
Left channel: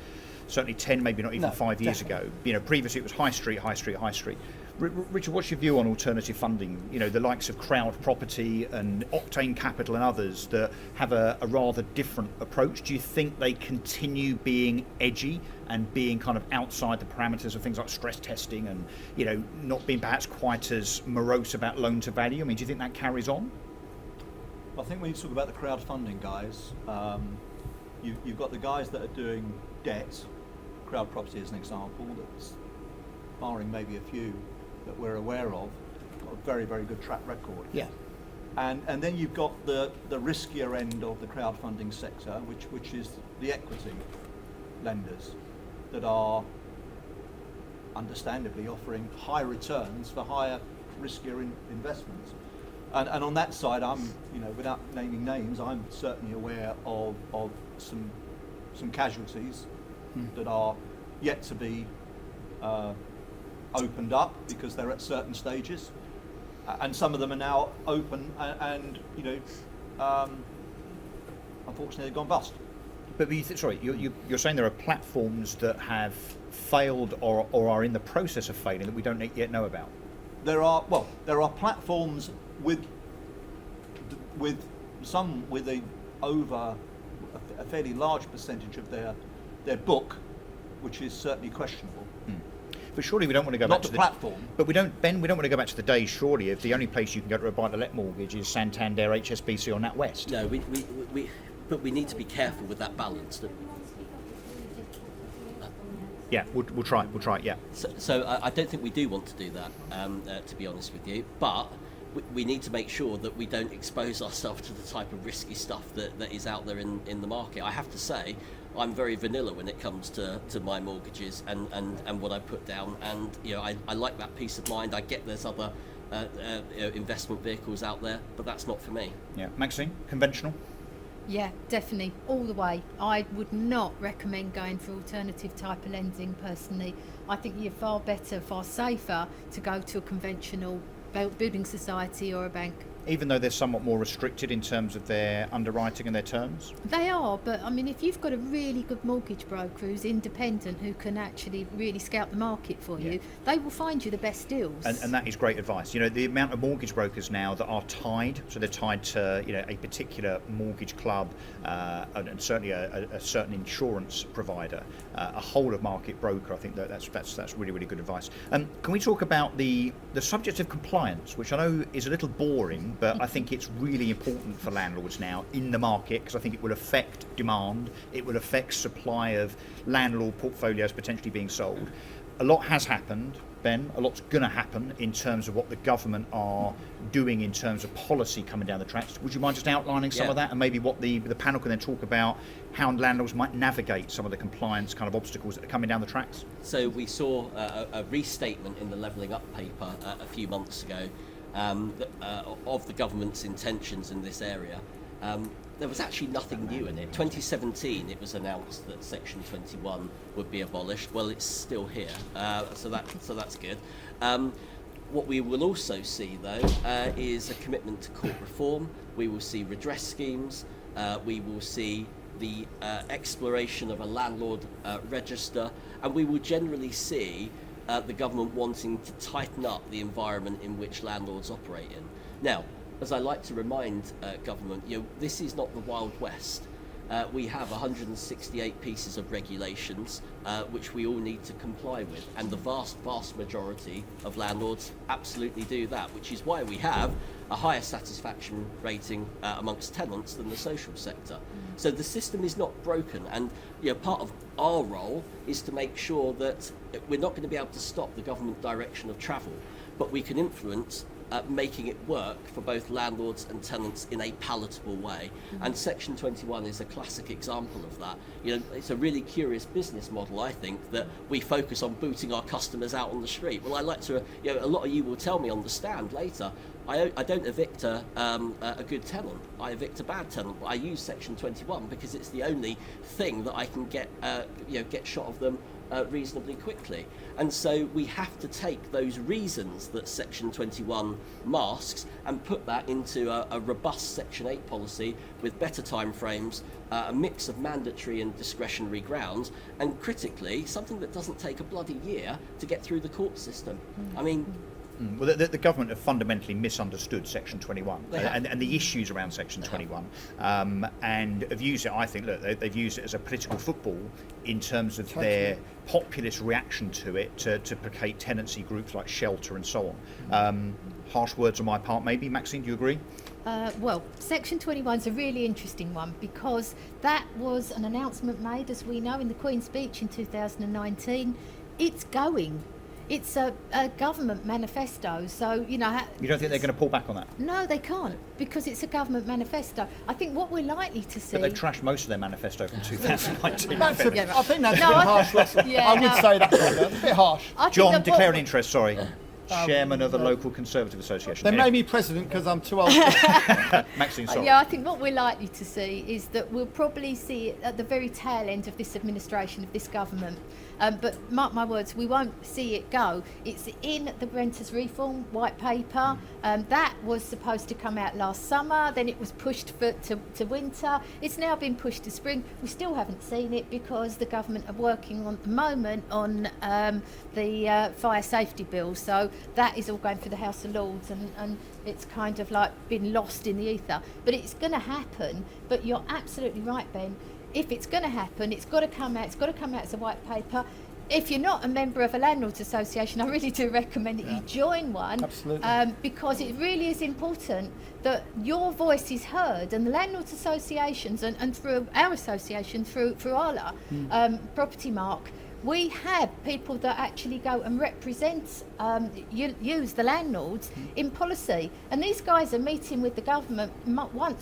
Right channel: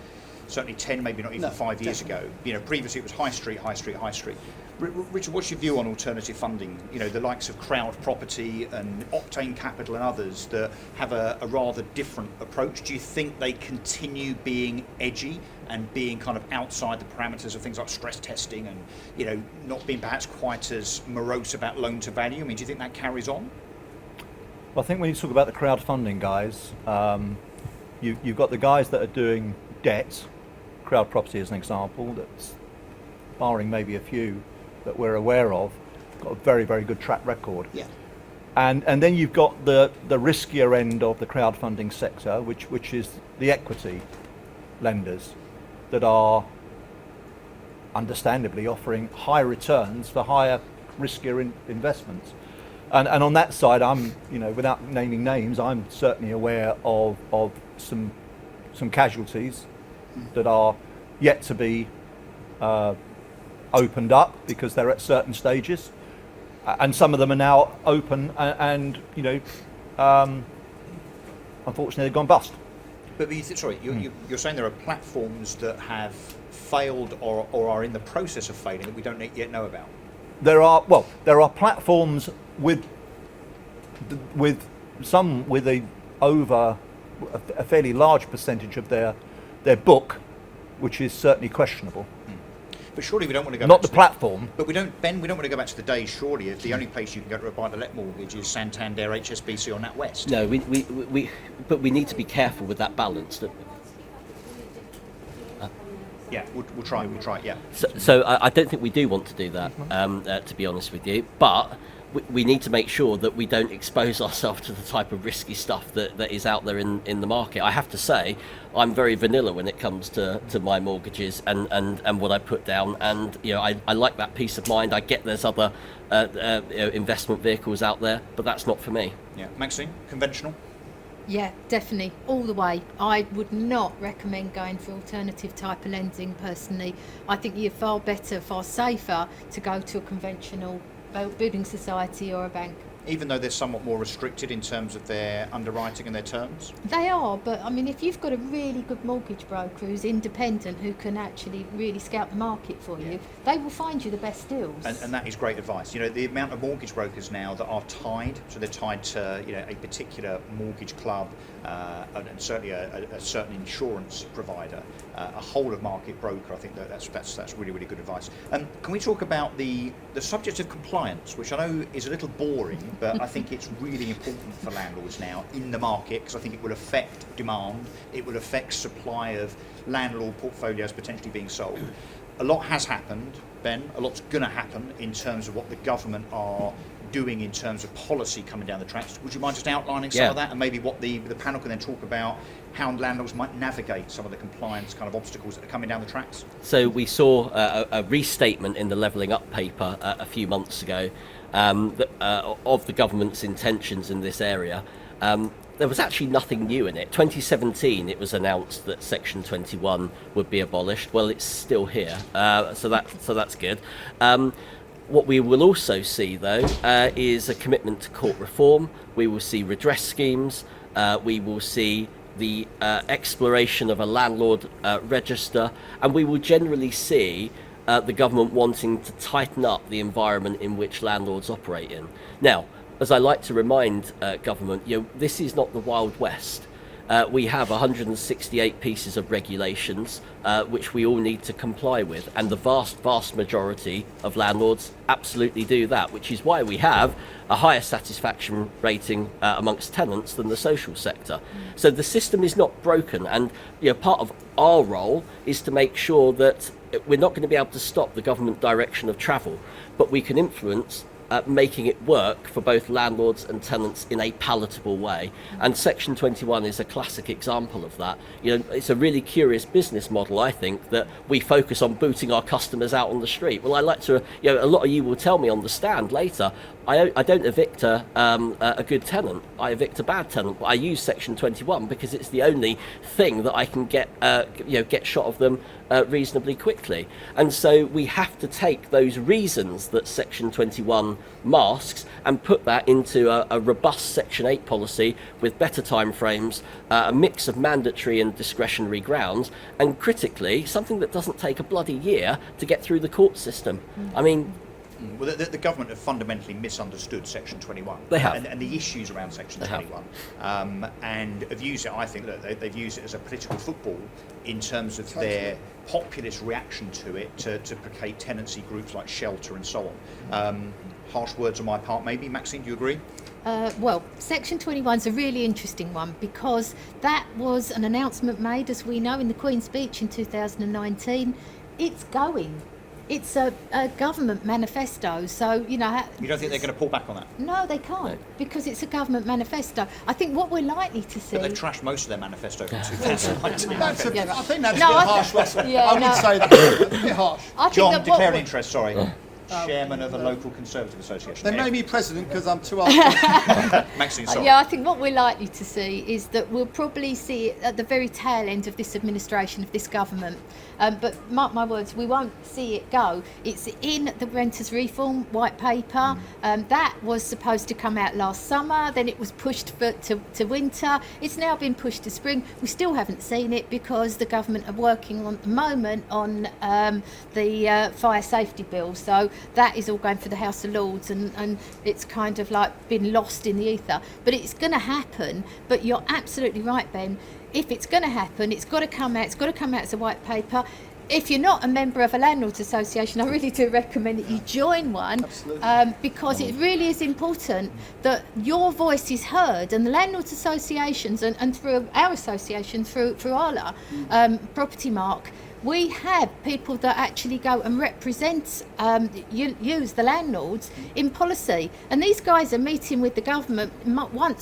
certainly 10, maybe not even No, 5 years definitely. ago. Previously it was high street. Richard, what's your view on alternative funding? The likes of Crowd Property and Octane Capital and others that have a rather different approach. Do you think they continue being edgy and being kind of outside the parameters of things like stress testing and not being perhaps quite as morose about loan to value? I mean, do you think that carries on? Well, I think when you talk about the crowdfunding guys, You've got the guys that are doing debt, crowd property as an example, that's barring maybe a few that we're aware of, got a very, very good track record. Yeah. And then you've got the riskier end of the crowdfunding sector, which is the equity lenders that are understandably offering high returns for higher, riskier investments. And on that side, I'm, without naming names, I'm certainly aware of some casualties that are yet to be opened up because they're at certain stages, and some of them are now open and unfortunately they've gone bust. But you're saying there are platforms that have failed or are in the process of failing that we don't yet know about. There are platforms with over a fairly large percentage of their book, which is certainly questionable. But surely we don't want to go not back the to platform. But we don't want to go back to the days. Surely, if the only place you can go to buy the let mortgage is Santander, HSBC, or NatWest. No, but we need to be careful with that balance. Don't we? Yeah, we'll try. Yeah. So I don't think we do want to do that, to be honest with you. But we need to make sure that we don't expose ourselves to the type of risky stuff that is out there in the market. I have to say, I'm very vanilla when it comes to my mortgages and what I put down. And I like that peace of mind. I get there's other investment vehicles out there, but that's not for me. Yeah, Maxine, conventional. Yeah, definitely, all the way. I would not recommend going for alternative type of lending personally. I think you're far better, far safer to go to a conventional building society or a bank. Even though they're somewhat more restricted in terms of their underwriting and their terms? They are, but I mean, if you've got a really good mortgage broker who's independent, who can actually really scout the market for you, they will find you the best deals. And that is great advice. The amount of mortgage brokers now that are tied, so they're tied to a particular mortgage club and certainly a certain insurance provider, a whole of market broker. I think that's really, really good advice. Can we talk about the subject of compliance, which I know is a little boring, but I think it's really important for landlords now in the market, because I think it will affect demand, it will affect supply of landlord portfolios potentially being sold. A lot has happened, Ben, a lot's going to happen in terms of what the government are doing in terms of policy coming down the tracks. Would you mind just outlining some of that, and maybe what the panel can then talk about how landlords might navigate some of the compliance kind of obstacles that are coming down the tracks? So we saw a restatement in the Levelling Up paper a few months ago of the government's intentions in this area. There was actually nothing new in it. 2017, it was announced that Section 21 would be abolished. Well, it's still here, so that's good. What we will also see, though, is a commitment to court reform. We will see redress schemes. We will see the exploration of a landlord register, and we will generally see the government wanting to tighten up the environment in which landlords operate in. Now, as I like to remind government, this is not the Wild West. We have 168 pieces of regulations which we all need to comply with, and the vast majority of landlords absolutely do that, which is why we have a higher satisfaction rating amongst tenants than the social sector. So the system is not broken, and part of our role is to make sure that we're not going to be able to stop the government direction of travel, but we can influence making it work for both landlords and tenants in a palatable way. And Section 21 is a classic example of that. It's a really curious business model, I think, that we focus on booting our customers out on the street. Well, I like to, a lot of you will tell me on the stand later, I don't evict a good tenant. I evict a bad tenant. I use Section 21 because it's the only thing that I can get shot of them reasonably quickly. And so we have to take those reasons that Section 21 masks and put that into a robust Section 8 policy with better timeframes, a mix of mandatory and discretionary grounds, and critically, something that doesn't take a bloody year to get through the court system. I mean, Well, the government have fundamentally misunderstood Section 21. They have. And the issues around Section 21. And have used it, I think, look, they've used it as a political football in terms of their populist reaction to it to placate tenancy groups like Shelter and so on. Harsh words on my part, maybe. Maxine, do you agree? Well, Section 21 is a really interesting one because that was an announcement made, as we know, in the Queen's speech in 2019. It's going. It's a government manifesto, so, you know... You don't think they're going to pull back on that? No, they can't, because it's a government manifesto. I think what we're likely to see... But they've trashed most of their manifesto from 2019. I think that's a bit I harsh, Russell. yeah, I would no. say that's a bit harsh. I think John, that declare an what- interest, sorry. Chairman of the local Conservative Association. They made me president because I'm too old. Maxine, sorry. Yeah, I think what we're likely to see is that we'll probably see it at the very tail end of this administration, of this government. But mark my words, we won't see it go. It's in the Renters Reform White Paper. That was supposed to come out last summer, then it was pushed to winter. It's now been pushed to spring. We still haven't seen it because the government are working on at the moment on the fire safety bill. So that is all going for the House of Lords, and it's kind of like been lost in the ether. But it's going to happen. But you're absolutely right, Ben. If it's going to happen, it's got to come out. It's got to come out as a white paper. If you're not a member of a landlords association, I really do recommend that you join one. Absolutely. Because it really is important that your voice is heard, and the landlords associations and through our association, through ALA, Property Mark, we have people that actually go and represent use the landlords in policy, and these guys are meeting with the government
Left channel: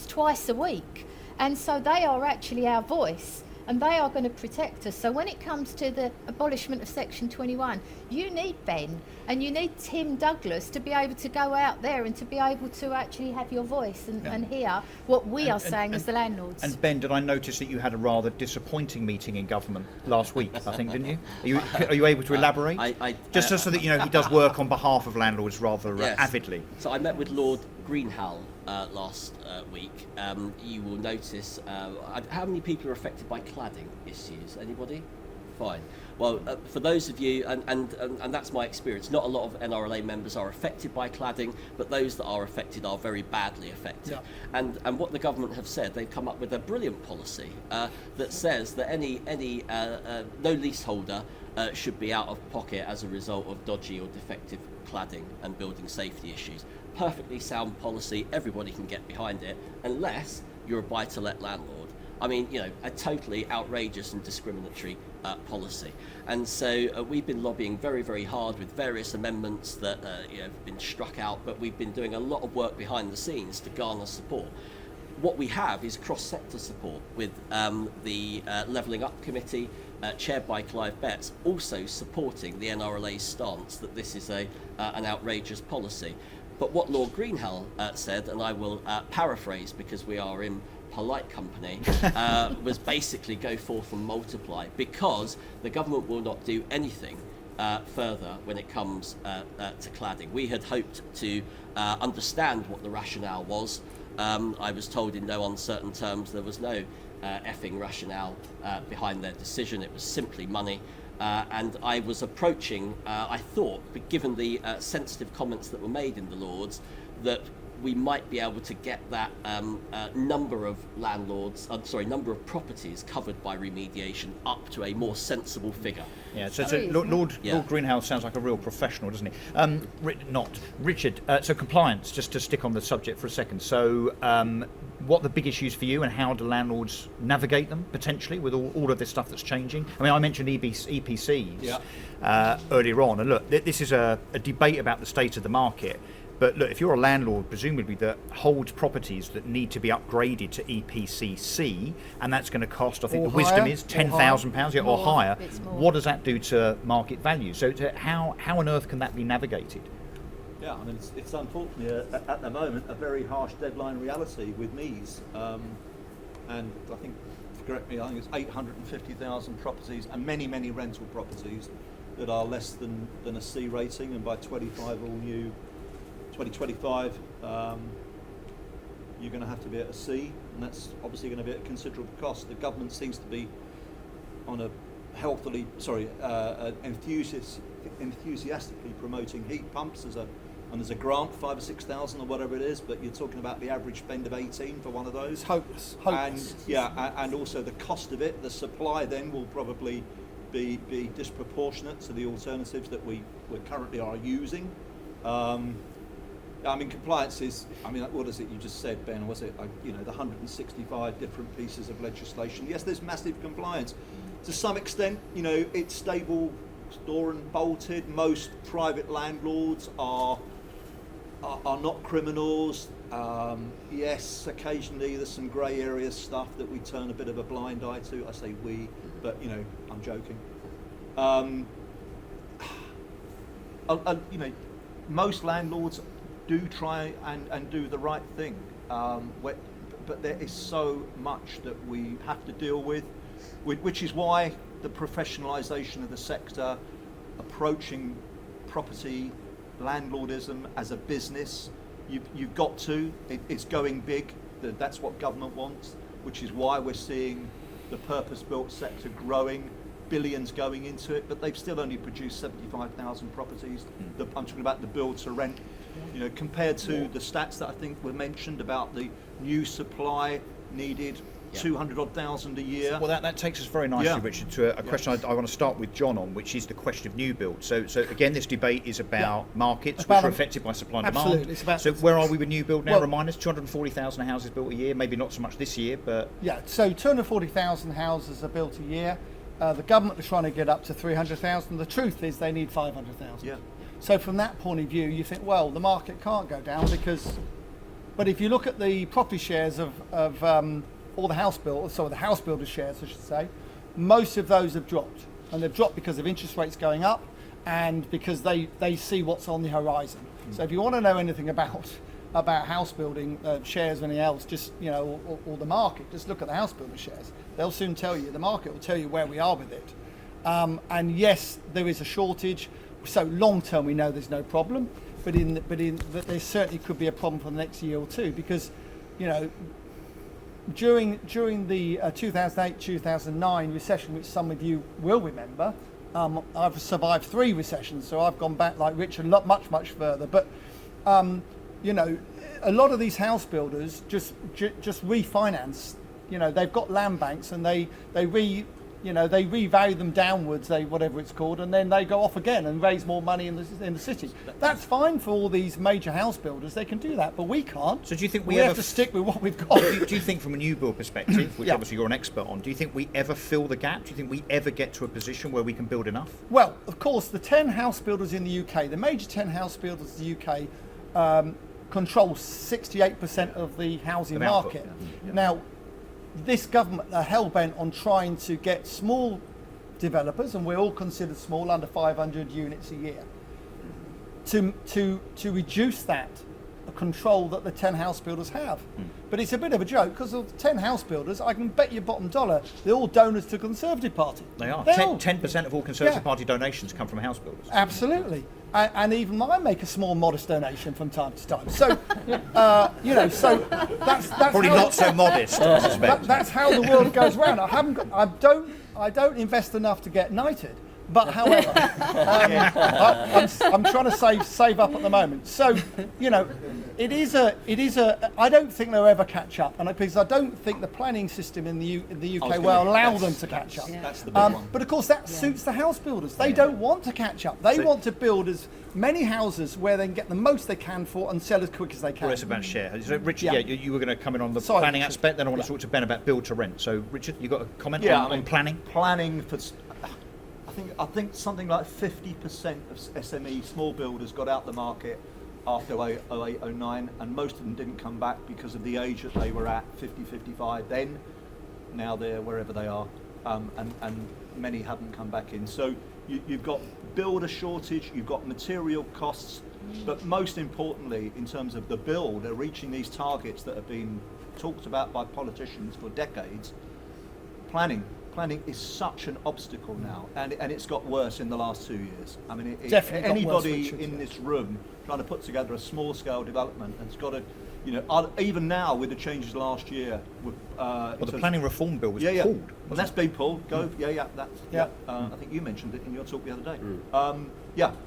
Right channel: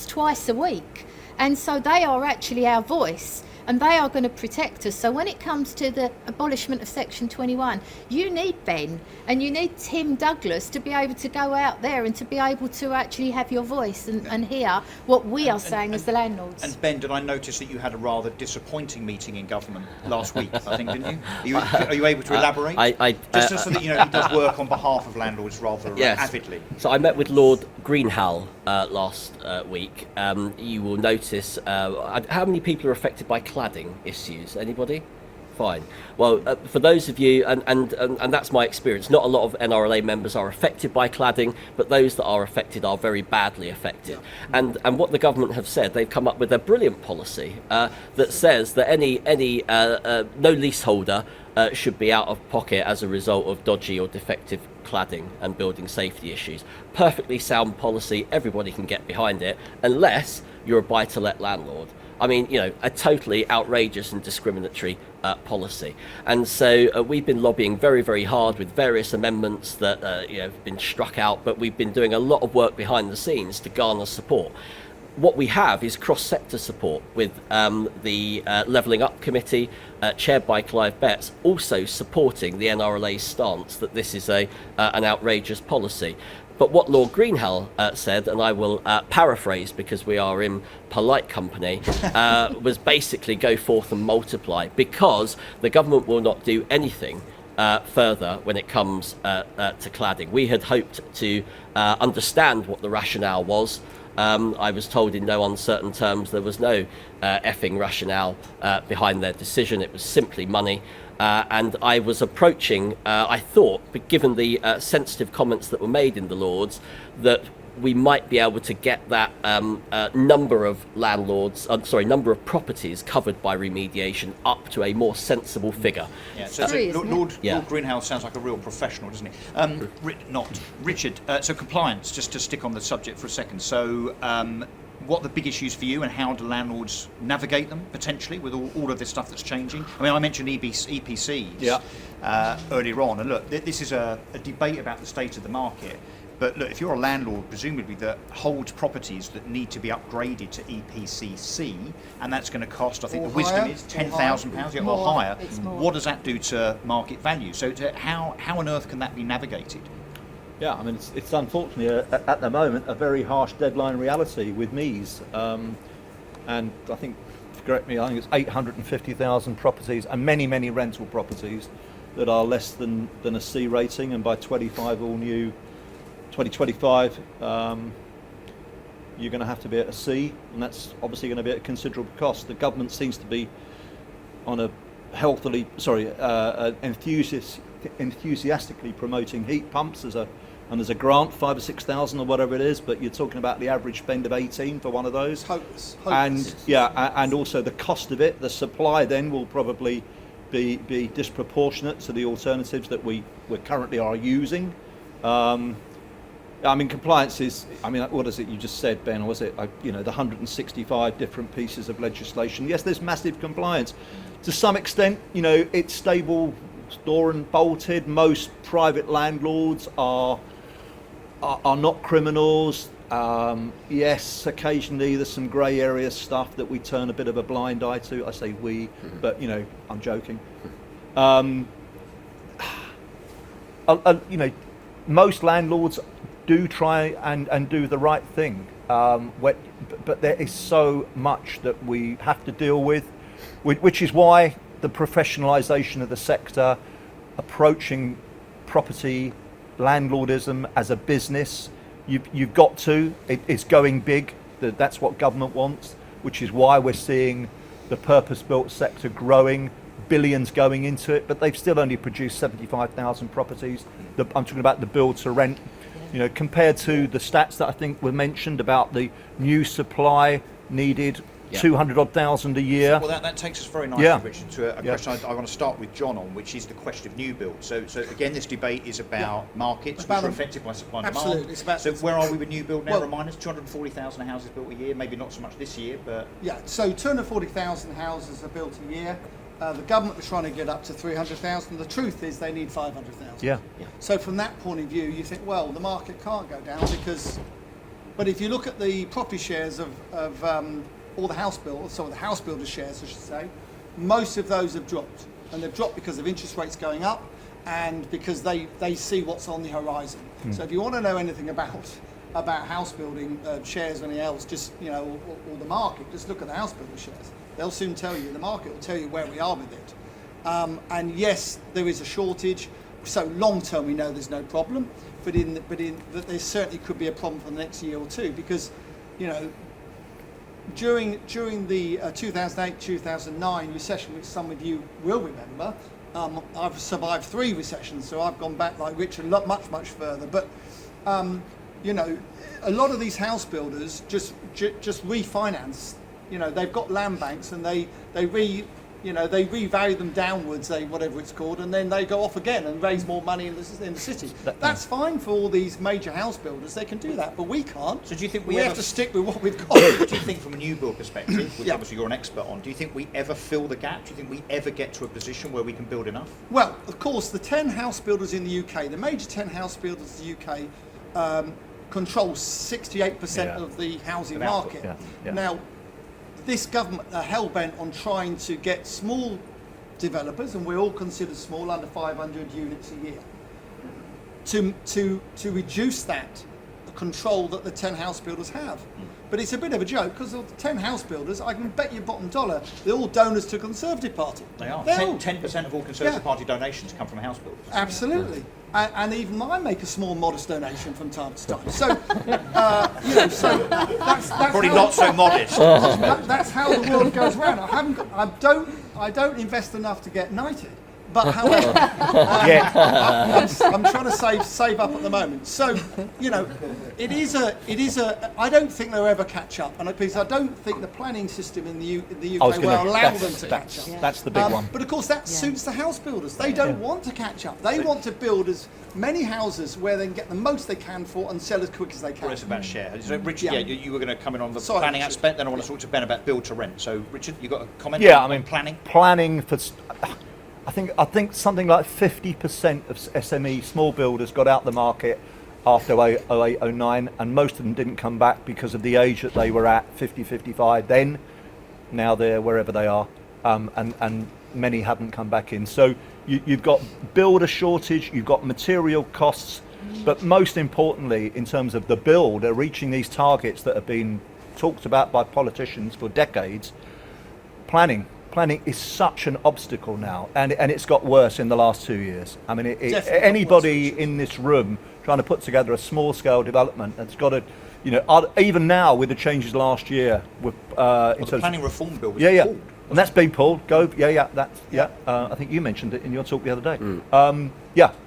twice a week. And so they are actually our voice, and they are going to protect us. So when it comes to the abolishment of Section 21, you need Ben and you need Tim Douglas to be able to go out there and to be able to actually have your voice and hear what we are saying as the landlords. And Ben, did I notice that you had a rather disappointing meeting in government last week, I think, didn't you? Are you able to elaborate? Just so that you know, he does work on behalf of landlords rather avidly. So I met with Lord Greenhalgh last week. You will notice how many people are affected by cladding issues. Anybody? Fine. Well, for those of you, and that's my experience, not a lot of NRLA members are affected by cladding, but those that are affected are very badly affected. Yeah. And what the government have said, they've come up with a brilliant policy that says that any no leaseholder should be out of pocket as a result of dodgy or defective cladding and building safety issues. Perfectly sound policy, everybody can get behind it, unless you're a buy-to-let landlord. I mean, you know, a totally outrageous and discriminatory policy. And so we've been lobbying very, very hard with various amendments that have been struck out, but we've been doing a lot of work behind the scenes to garner support. What we have is cross-sector support with the Levelling Up Committee, chaired by Clive Betts, also supporting the NRLA's stance that this is an outrageous policy. But what Lord Greenhalgh said, and I will paraphrase because we are in polite company, was basically go forth and multiply, because the government will not do anything further when it comes to cladding. We had hoped to understand what the rationale was. I was told in no uncertain terms there was no effing rationale behind their decision. It was simply money. And I was approaching, I thought, but given the sensitive comments that were made in the Lords, that we might be able to get that number of properties covered by remediation up to a more sensible figure. Yeah, so Lord Greenhalgh sounds like a real professional, doesn't he? Richard, so compliance, just to stick on the subject for a second. So what are the big issues for you, and how do landlords navigate them, potentially, with all of this stuff that's changing? I mean, I mentioned EPCs earlier on, and look, this is a debate about the state of the market. But look, if you're a landlord, presumably, that holds properties that need to be upgraded to EPCC, and that's going to cost, I think the wisdom is £10,000 or higher, what does that do to market value? So how on earth can that be navigated? Yeah, I mean, it's unfortunately at the moment a very harsh deadline reality with MEES. And I think, correct me, I think it's 850,000 properties and many rental properties that are less than a C rating, and by 2025, you're going to have to be at a C, and that's obviously going to be at a considerable cost. The government seems to be on a enthusiastically promoting heat pumps as a and there's a grant 5,000 or 6,000 or whatever it is, but you're talking about the average spend of 18 for one of those. It's hopeless. And and also the cost of it, the supply then will probably be disproportionate to the alternatives that we currently are using. I mean, compliance is, I mean, what is it you just said, Ben, or was it, the 165 different pieces of legislation? Yes, there's massive compliance. To some extent, it's stable, door and bolted. Most private landlords are not criminals. Yes, occasionally there's some grey area stuff that we turn a bit of a blind eye to. I say we, but I'm joking. Most landlords do try and do the right thing, but there is so much that we have to deal with, which is why the professionalisation of the sector, approaching property landlordism as a business, you've got to. It's going big. That's what government wants, which is why we're seeing the purpose-built sector growing, billions going into it, but they've still only produced 75,000 properties. I'm talking about the build to rent. Compared to the stats that I think were mentioned about the new supply needed, 200,000 a year. Well, that takes us very nicely, Richard, to a question I want to start with John on, which is the question of new build. So again, this debate is about markets which are affected by supply and demand. It's about, so where are we with new build now? Remind us, 240,000 houses built a year, maybe not so much this year, but... Yeah, so 240,000 houses are built a year. The government are trying to get up to 300,000. The truth is they need 500,000. Yeah. So from that point of view, you think, well, the market can't go down because... But if you look at the property shares of all the house builders, the house builder shares, I should say, most of those have dropped. And they've dropped because of interest rates going up and because they see what's on the horizon. So if you want to know anything about house building shares or anything else, just, or the market, just look at the house builder shares. They'll soon tell you, the market will tell you where we are with it. And yes, there is a shortage. So long term, we know there's no problem, but there certainly could be a problem for the next year or two because, during the 2008-2009 recession, which some of you will remember, I've survived 3 recessions, so I've gone back like Richard much further. But a lot of these house builders just refinance. They've got land banks and they revalue them downwards, whatever it's called, and then they go off again and raise more money in the city. That's fine for all these major house builders. They can do that, but we can't. So do you think we have to stick with what we've got? Do you think from a new build perspective, which obviously you're an expert on, do you think we ever fill the gap? Do you think we ever get to a position where we can build enough? Well, of course, the 10 house builders in the UK, the major 10 house builders in the UK, control 68% of the housing market. Now, this government are hell-bent on trying to get small developers, and we're all considered small, under 500 units a year, to reduce that control that the 10 house builders have. But it's a bit of a joke because of the 10 house builders, I can bet you bottom dollar, they're all donors to the Conservative Party. They are. 10% of all Conservative Party donations come from house builders. Absolutely. And even I make a small, modest donation from time to time. So, so that's probably not so modest. That's how the world goes round. I don't invest enough to get knighted. But however, I'm trying to save up at the moment. So, it is a. I don't think they'll ever catch up, and because I don't think the planning system in the UK will allow them to catch up. That's the big one. But of course, that suits the house builders. They don't want to catch up. They want to build as many houses where they can get the most they can for and sell as quick as they can. Well, it's about share. Richard, you were going to come in on the planning aspect. Then I want to talk to Ben about build to rent. So, Richard, you got a comment on planning? Planning for. I think something like 50% of SME small builders got out the market after 08, 09, and most of them didn't come back because of the age that they were at, 50, 55 then. Now they're wherever they are, and many haven't come back in. So you've got builder shortage, you've got material costs, but most importantly, in terms of the build, reaching these targets that have been talked about by politicians for decades, planning is such an obstacle now, and it's got worse in the last 2 years. I mean, anybody in this room trying to put together a small-scale development that's got to, even now with the changes last year, with The planning reform bill was yeah, pulled. and that's been pulled. I think you mentioned it in your talk the other day.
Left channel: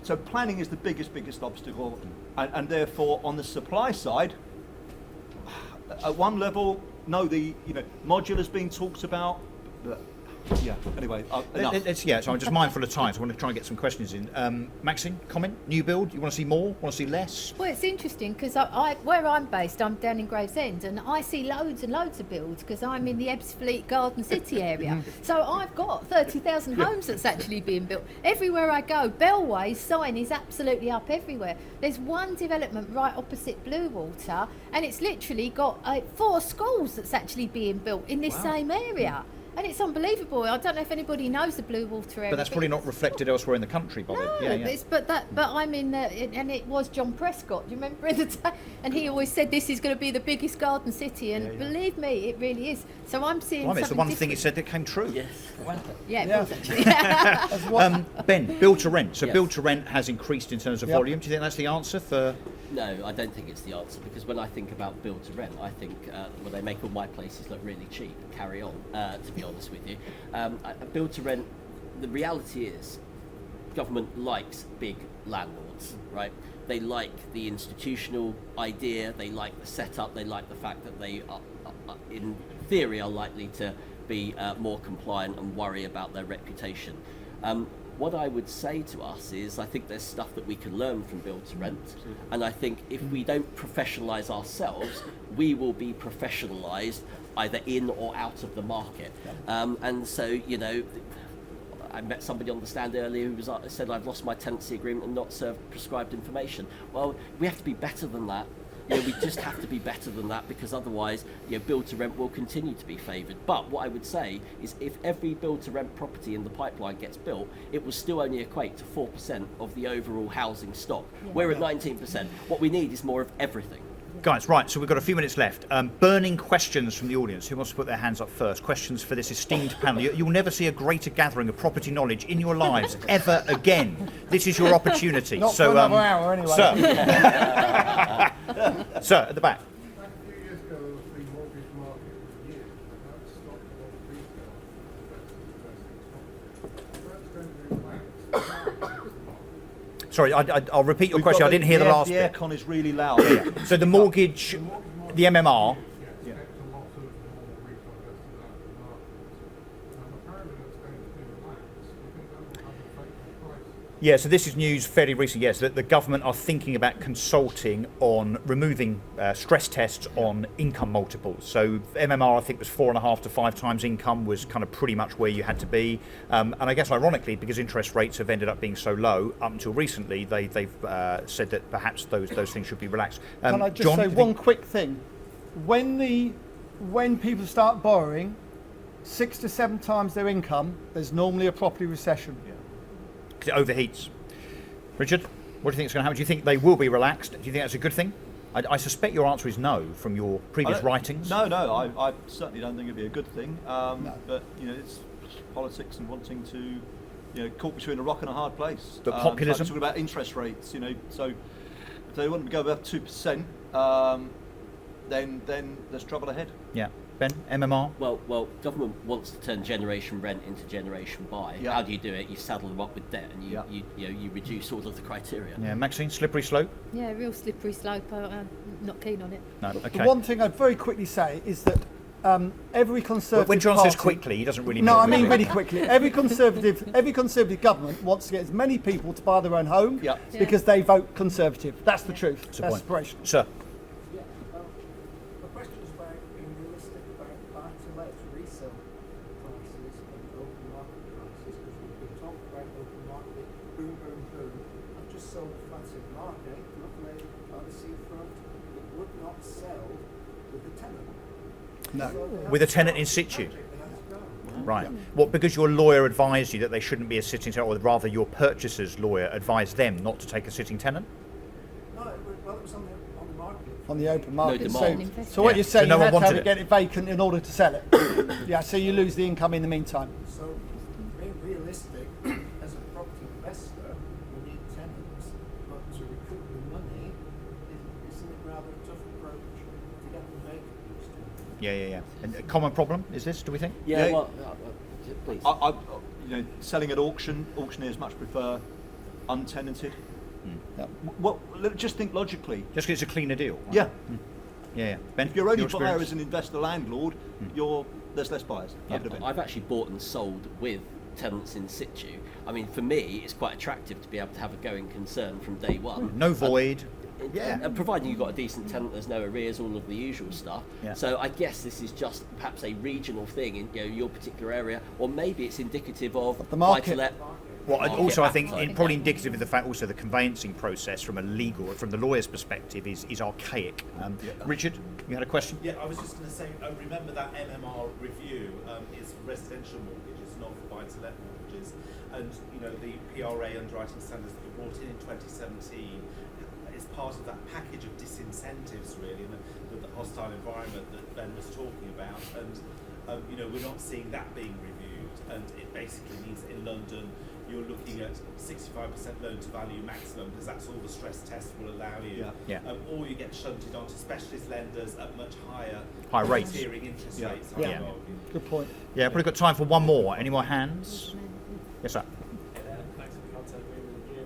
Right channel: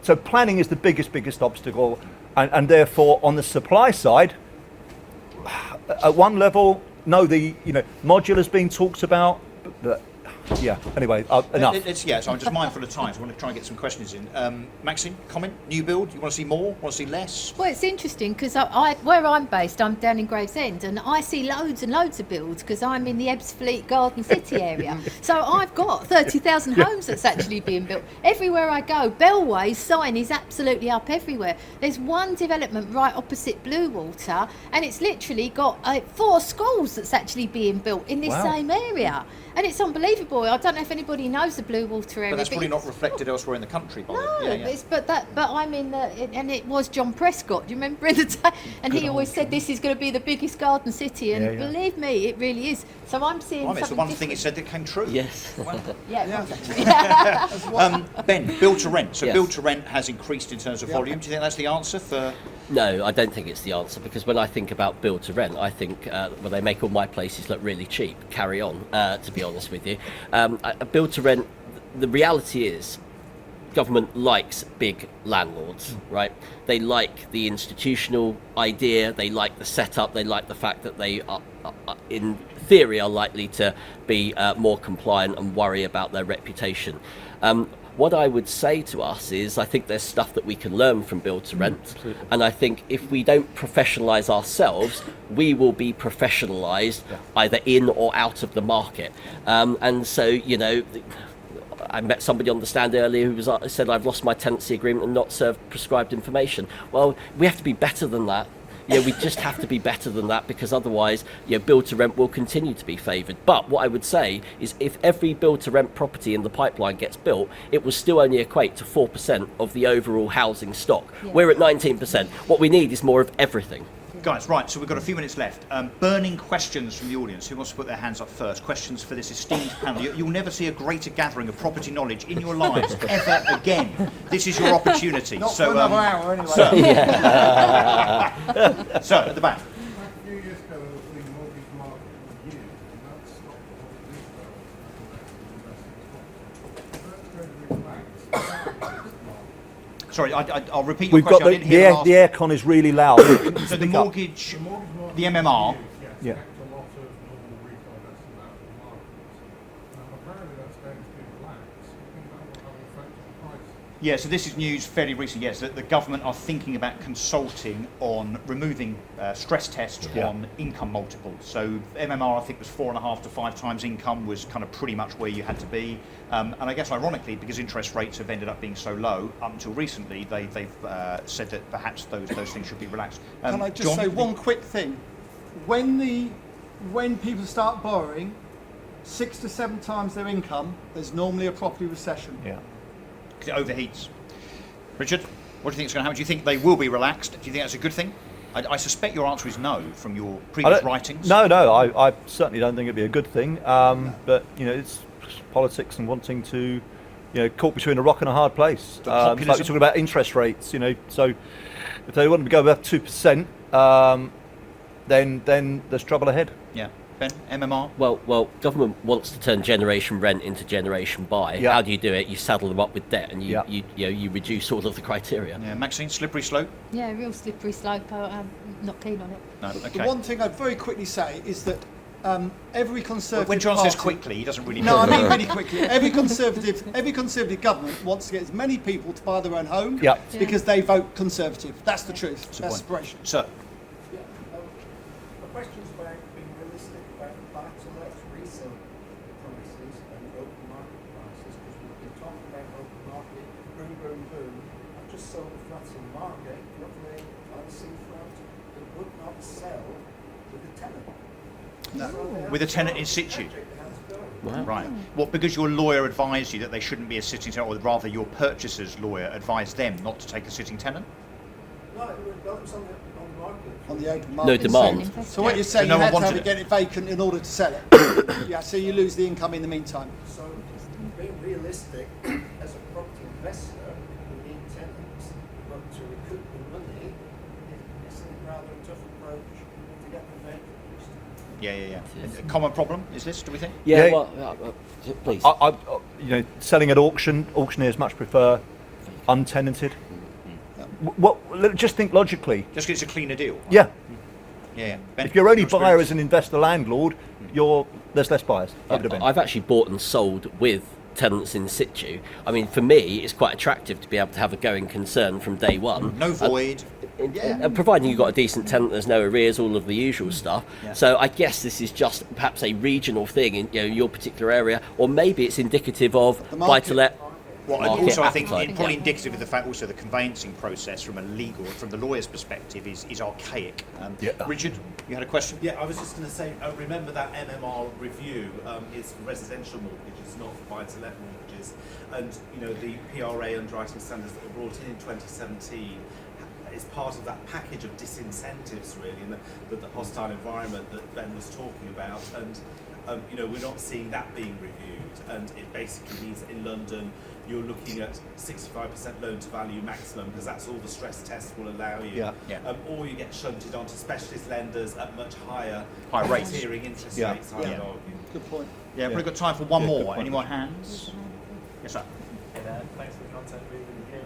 So planning is the biggest obstacle, and therefore on the supply side, at one level, no, the modular's been talked about, but anyway, enough. So I'm just mindful of time, so I want to try and get some questions in. Maxine, comment? New build? You want to see more? Want to see less? Well, it's interesting because where I'm based, I'm down in Gravesend, and I see loads and loads of builds because I'm in the Ebbsfleet Garden City area. So I've got 30,000 homes that's actually being built. Everywhere I go, Bellway's sign is absolutely up everywhere. There's one development right opposite Bluewater, and it's literally got 4 schools that's actually being built in this same area. And it's unbelievable. I don't know if anybody knows the Bluewater area. But that's probably not reflected elsewhere in the country, by the way. But I'm in and it was John Prescott. Do you remember in the day? And he always said this is going to be the biggest garden city, and believe me, it really is. So I'm seeing. It's the one thing he said that came true. Yes. Ben, build to rent. So Yes. build to rent has increased in terms of volume. Do you think that's the answer for? No, I don't think it's the answer, because when I think about build to rent, I think well, they make all my places look really cheap. Carry on, to be honest with you. Build to rent, the reality is, government likes big landlords, right? They like the institutional idea, they like the setup, they like the fact that they are in theory, are likely to be more compliant and worry about their reputation. What I would say to us is, I think there's stuff that we can learn from build to rent, and I think if we don't professionalise ourselves, we will be professionalised either in or out of the market. And so, I met somebody on the stand earlier who said, I've lost my tenancy agreement and not served prescribed information. Well, we have to be better than that. We just have to be better than that, because otherwise, build to rent will continue to be favoured. But what I would say is, if every build to rent property in the pipeline gets built, it will still only equate to 4% of the overall housing stock. We're at 19%. What we need is more of everything. Guys, right, so we've got a few minutes left. Burning questions from the audience. Who wants to put their hands up first? Questions for this esteemed panel. You'll never see a greater gathering of property knowledge in your lives ever again. This is your opportunity. Not for another hour, anyway. Sir, at the back. A few years ago, there was the mortgage market for years, and that stopped a lot of these guys from investing in property. That's going to relax. Sorry, I'll repeat your question. I didn't hear the last the bit. aircon is really loud. So the mortgage, the MMR. Yes, affects a lot of normal retail investors out of the market. And apparently that's going to be relaxed. You think that will have an effect on prices? Yeah, so this is news fairly recent, yes, that the government are thinking about consulting on removing stress tests on income multiples. So MMR, I think, was 4.5 to 5 times income was kind of pretty much where you had to be. And I guess ironically, because interest rates have ended up being so low, up until recently, they've said that perhaps those things should be relaxed. Can I just John, say one quick thing? When people start borrowing 6 to 7 times their income, there's normally a property recession. Yeah. Because it overheats. Richard, what do you think is going to happen? Do you think they will be relaxed? Do you think that's a good thing? I suspect your answer is no from your previous writings. No, I certainly don't think it'd be a good thing. But it's politics and wanting to, caught between a rock and a hard place. But Like populism? we're talking about interest rates, so if they want to go above 2%, then there's trouble ahead. Yeah. Ben, MMR? Well, government wants to turn generation rent into generation buy. Yeah. How do you do it? You saddle them up with debt, and Yeah. you reduce all of the criteria. Yeah, Maxine, slippery slope? Yeah, real slippery slope. I'm not keen on it. No, okay. The one thing I'd very quickly say is that every Conservative When John party, says quickly, he doesn't really No, I mean mean really quickly. Every Conservative government wants to get as many people to buy their own home Yeah. because they vote Conservative. That's the truth. That's the That's point. aspiration. Sir, The question's about being realistic about buy-to-let resale prices and open market prices, because we've been talking about open market, boom, boom, boom. I've just sold flats in the market, lovely, fancy front, that would not sell with a tenant. No. with a tenant in situ? Wow. Right. Well, because your lawyer advised you that they shouldn't be a sitting tenant, or rather your purchaser's lawyer advised them not to take a sitting tenant? No, it was on the market. On the open market. demand. So what you're saying, But no you had one to have wanted it get it vacant in order to sell it. Yeah, so you lose the income in the meantime. So being realistic, as a property investor, we need tenants, but to recoup the money, isn't it rather a tough approach? Yeah. And a common problem is this, do we think? Yeah, Yeah. well, please. Selling at auction, auctioneers much prefer untenanted. Just think logically. Just 'cause it's a cleaner deal. Yeah. Yeah. Ben, If you're only your buyer experience? as an investor landlord, there's less buyers. I've actually bought and sold with tenants in situ. I mean, for me, it's quite attractive to be able to have a going concern from day one. No void. And providing you've got a decent tenant, there's no arrears, all of the usual stuff. Yeah. So I guess this is just perhaps a regional thing in your particular area, or maybe it's indicative of The market. buy-to-let. Well, and market also I think appetite. probably indicative of the fact also the conveyancing process from the lawyer's perspective is archaic. Richard, you had a question? Yeah, I was just going to say, remember that MMR review is for residential mortgages, not for buy-to-let mortgages. And, the PRA underwriting standards that were brought in 2017 is part of that package of disincentives, really, and the hostile environment that Ben was talking about. And, we're not seeing that being reviewed. And it basically means in London, you're looking at 65% loan to value maximum, because that's all the stress test will allow you. Or you get shunted onto specialist lenders at much higher rates. tiering interest Yeah. rates, I would argue. Good point. Yeah, probably got time for one more. Any more hands? Yes, sir. Hey there, thanks for the content, really good.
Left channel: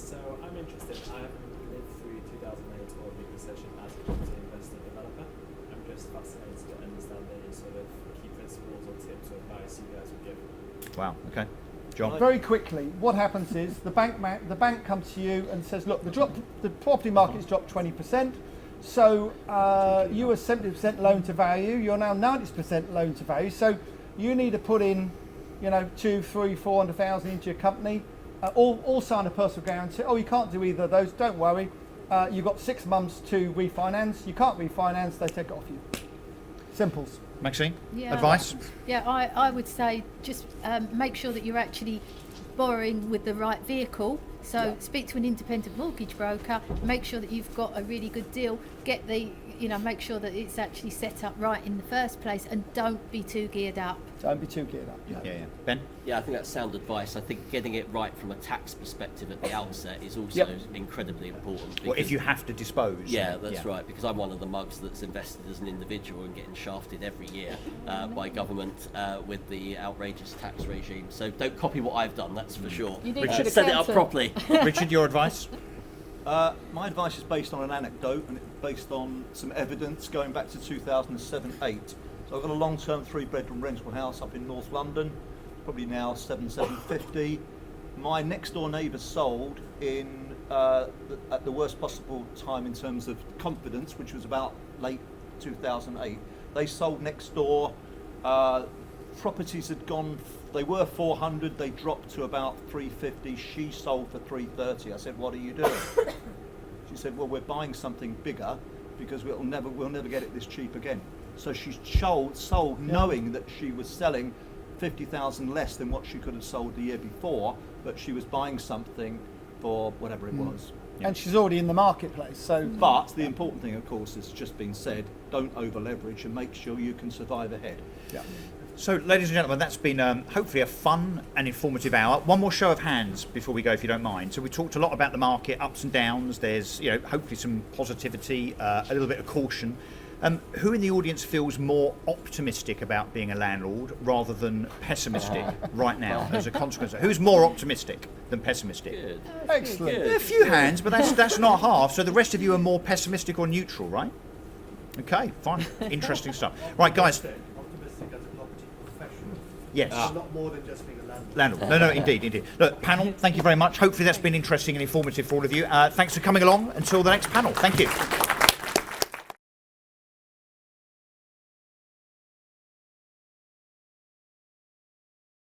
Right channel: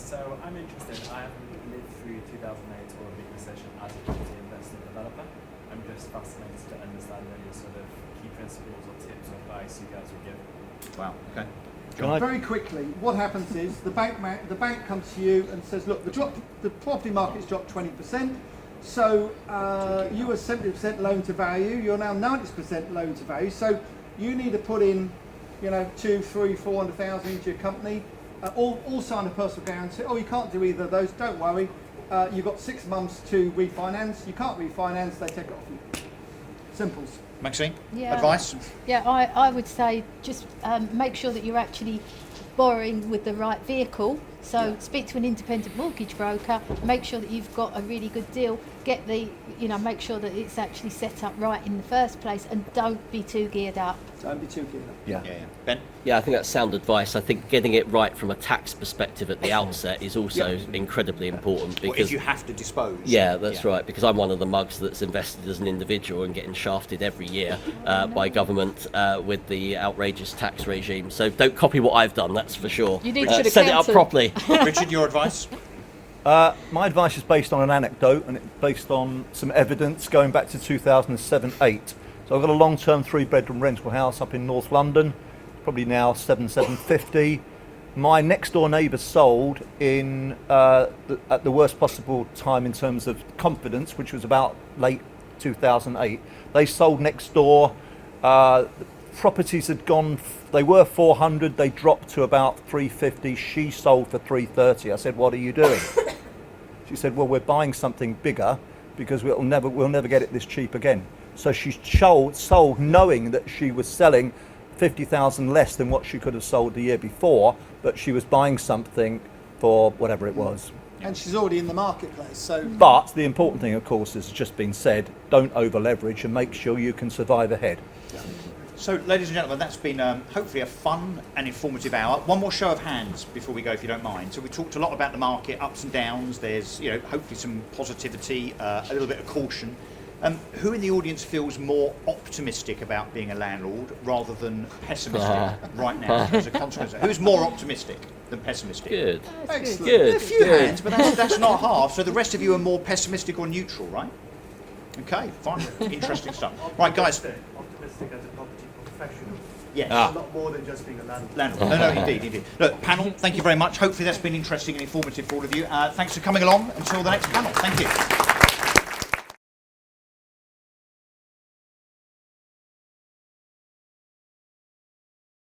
So I'm interested, I haven't lived through 2008 or a big recession as a property investor developer. I'm just fascinated to understand any sort of key principles or tips or advice you guys would give. Wow, okay. John? Very quickly, what happens is the bank comes to you and says, look, the property market's dropped 20%. So you were 70% loan to value. You're now 90% loan to value. So you need to put in, 200,000, 300,000, 400,000 into your company. All sign a personal guarantee. Oh, you can't do either of those. Don't worry. You've got 6 months to refinance. You can't refinance. They take it off you. Simples. Maxine? Yeah. Advice? Yeah, I would say just make sure that you're actually borrowing with the right vehicle. So speak to an independent mortgage broker, make sure that you've got a really good deal, make sure that it's actually set up right in the first place, and don't be too geared up. Don't be too geared up. Yeah. Ben? Yeah, I think that's sound advice. I think getting it right from a tax perspective at the outset is also incredibly important. Because Well, if you have to dispose. yeah, that's right. Because I'm one of the mugs that's invested as an individual and getting shafted every year by government with the outrageous tax regime. So don't copy what I've done. That's for sure. You need to set it up properly. Richard, your advice? My advice is based on an anecdote, and it's based on some evidence going back to 2007-8. So I've got a long-term 3-bedroom rental house up in North London, probably now 750. My next-door neighbour sold at the worst possible time in terms of confidence, which was about late 2008. They sold next door. Properties had gone. They were 400. They dropped to about 350. She sold for 330. I said, "What are you doing?" She said, "Well, we're buying something bigger because we'll never get it this cheap again." So she sold knowing that she was selling 50,000 less than what she could have sold the year before, but she was buying something for whatever it was. And she's already in the marketplace. So, But the important thing, of course, has just been said: don't over leverage and make sure you can survive ahead. So, ladies and gentlemen, that's been hopefully a fun and informative hour. One more show of hands before we go, if you don't mind. So we talked a lot about the market, ups and downs. There's, hopefully some positivity, a little bit of caution. Who in the audience feels more optimistic about being a landlord rather than pessimistic right now as a consequence? Who's more optimistic than pessimistic? Good. excellent. Good. There are a few hands, but that's not half. So the rest of you are more pessimistic or neutral, right? Okay, fine. Interesting stuff. Right, guys. Optimistic as a property professional. Yes. A lot more than just being a landlord. Landlord. No, indeed. Look, panel, thank you very much. Hopefully that's been interesting and informative for all of you. Thanks for coming along. Until the next panel. Thank you.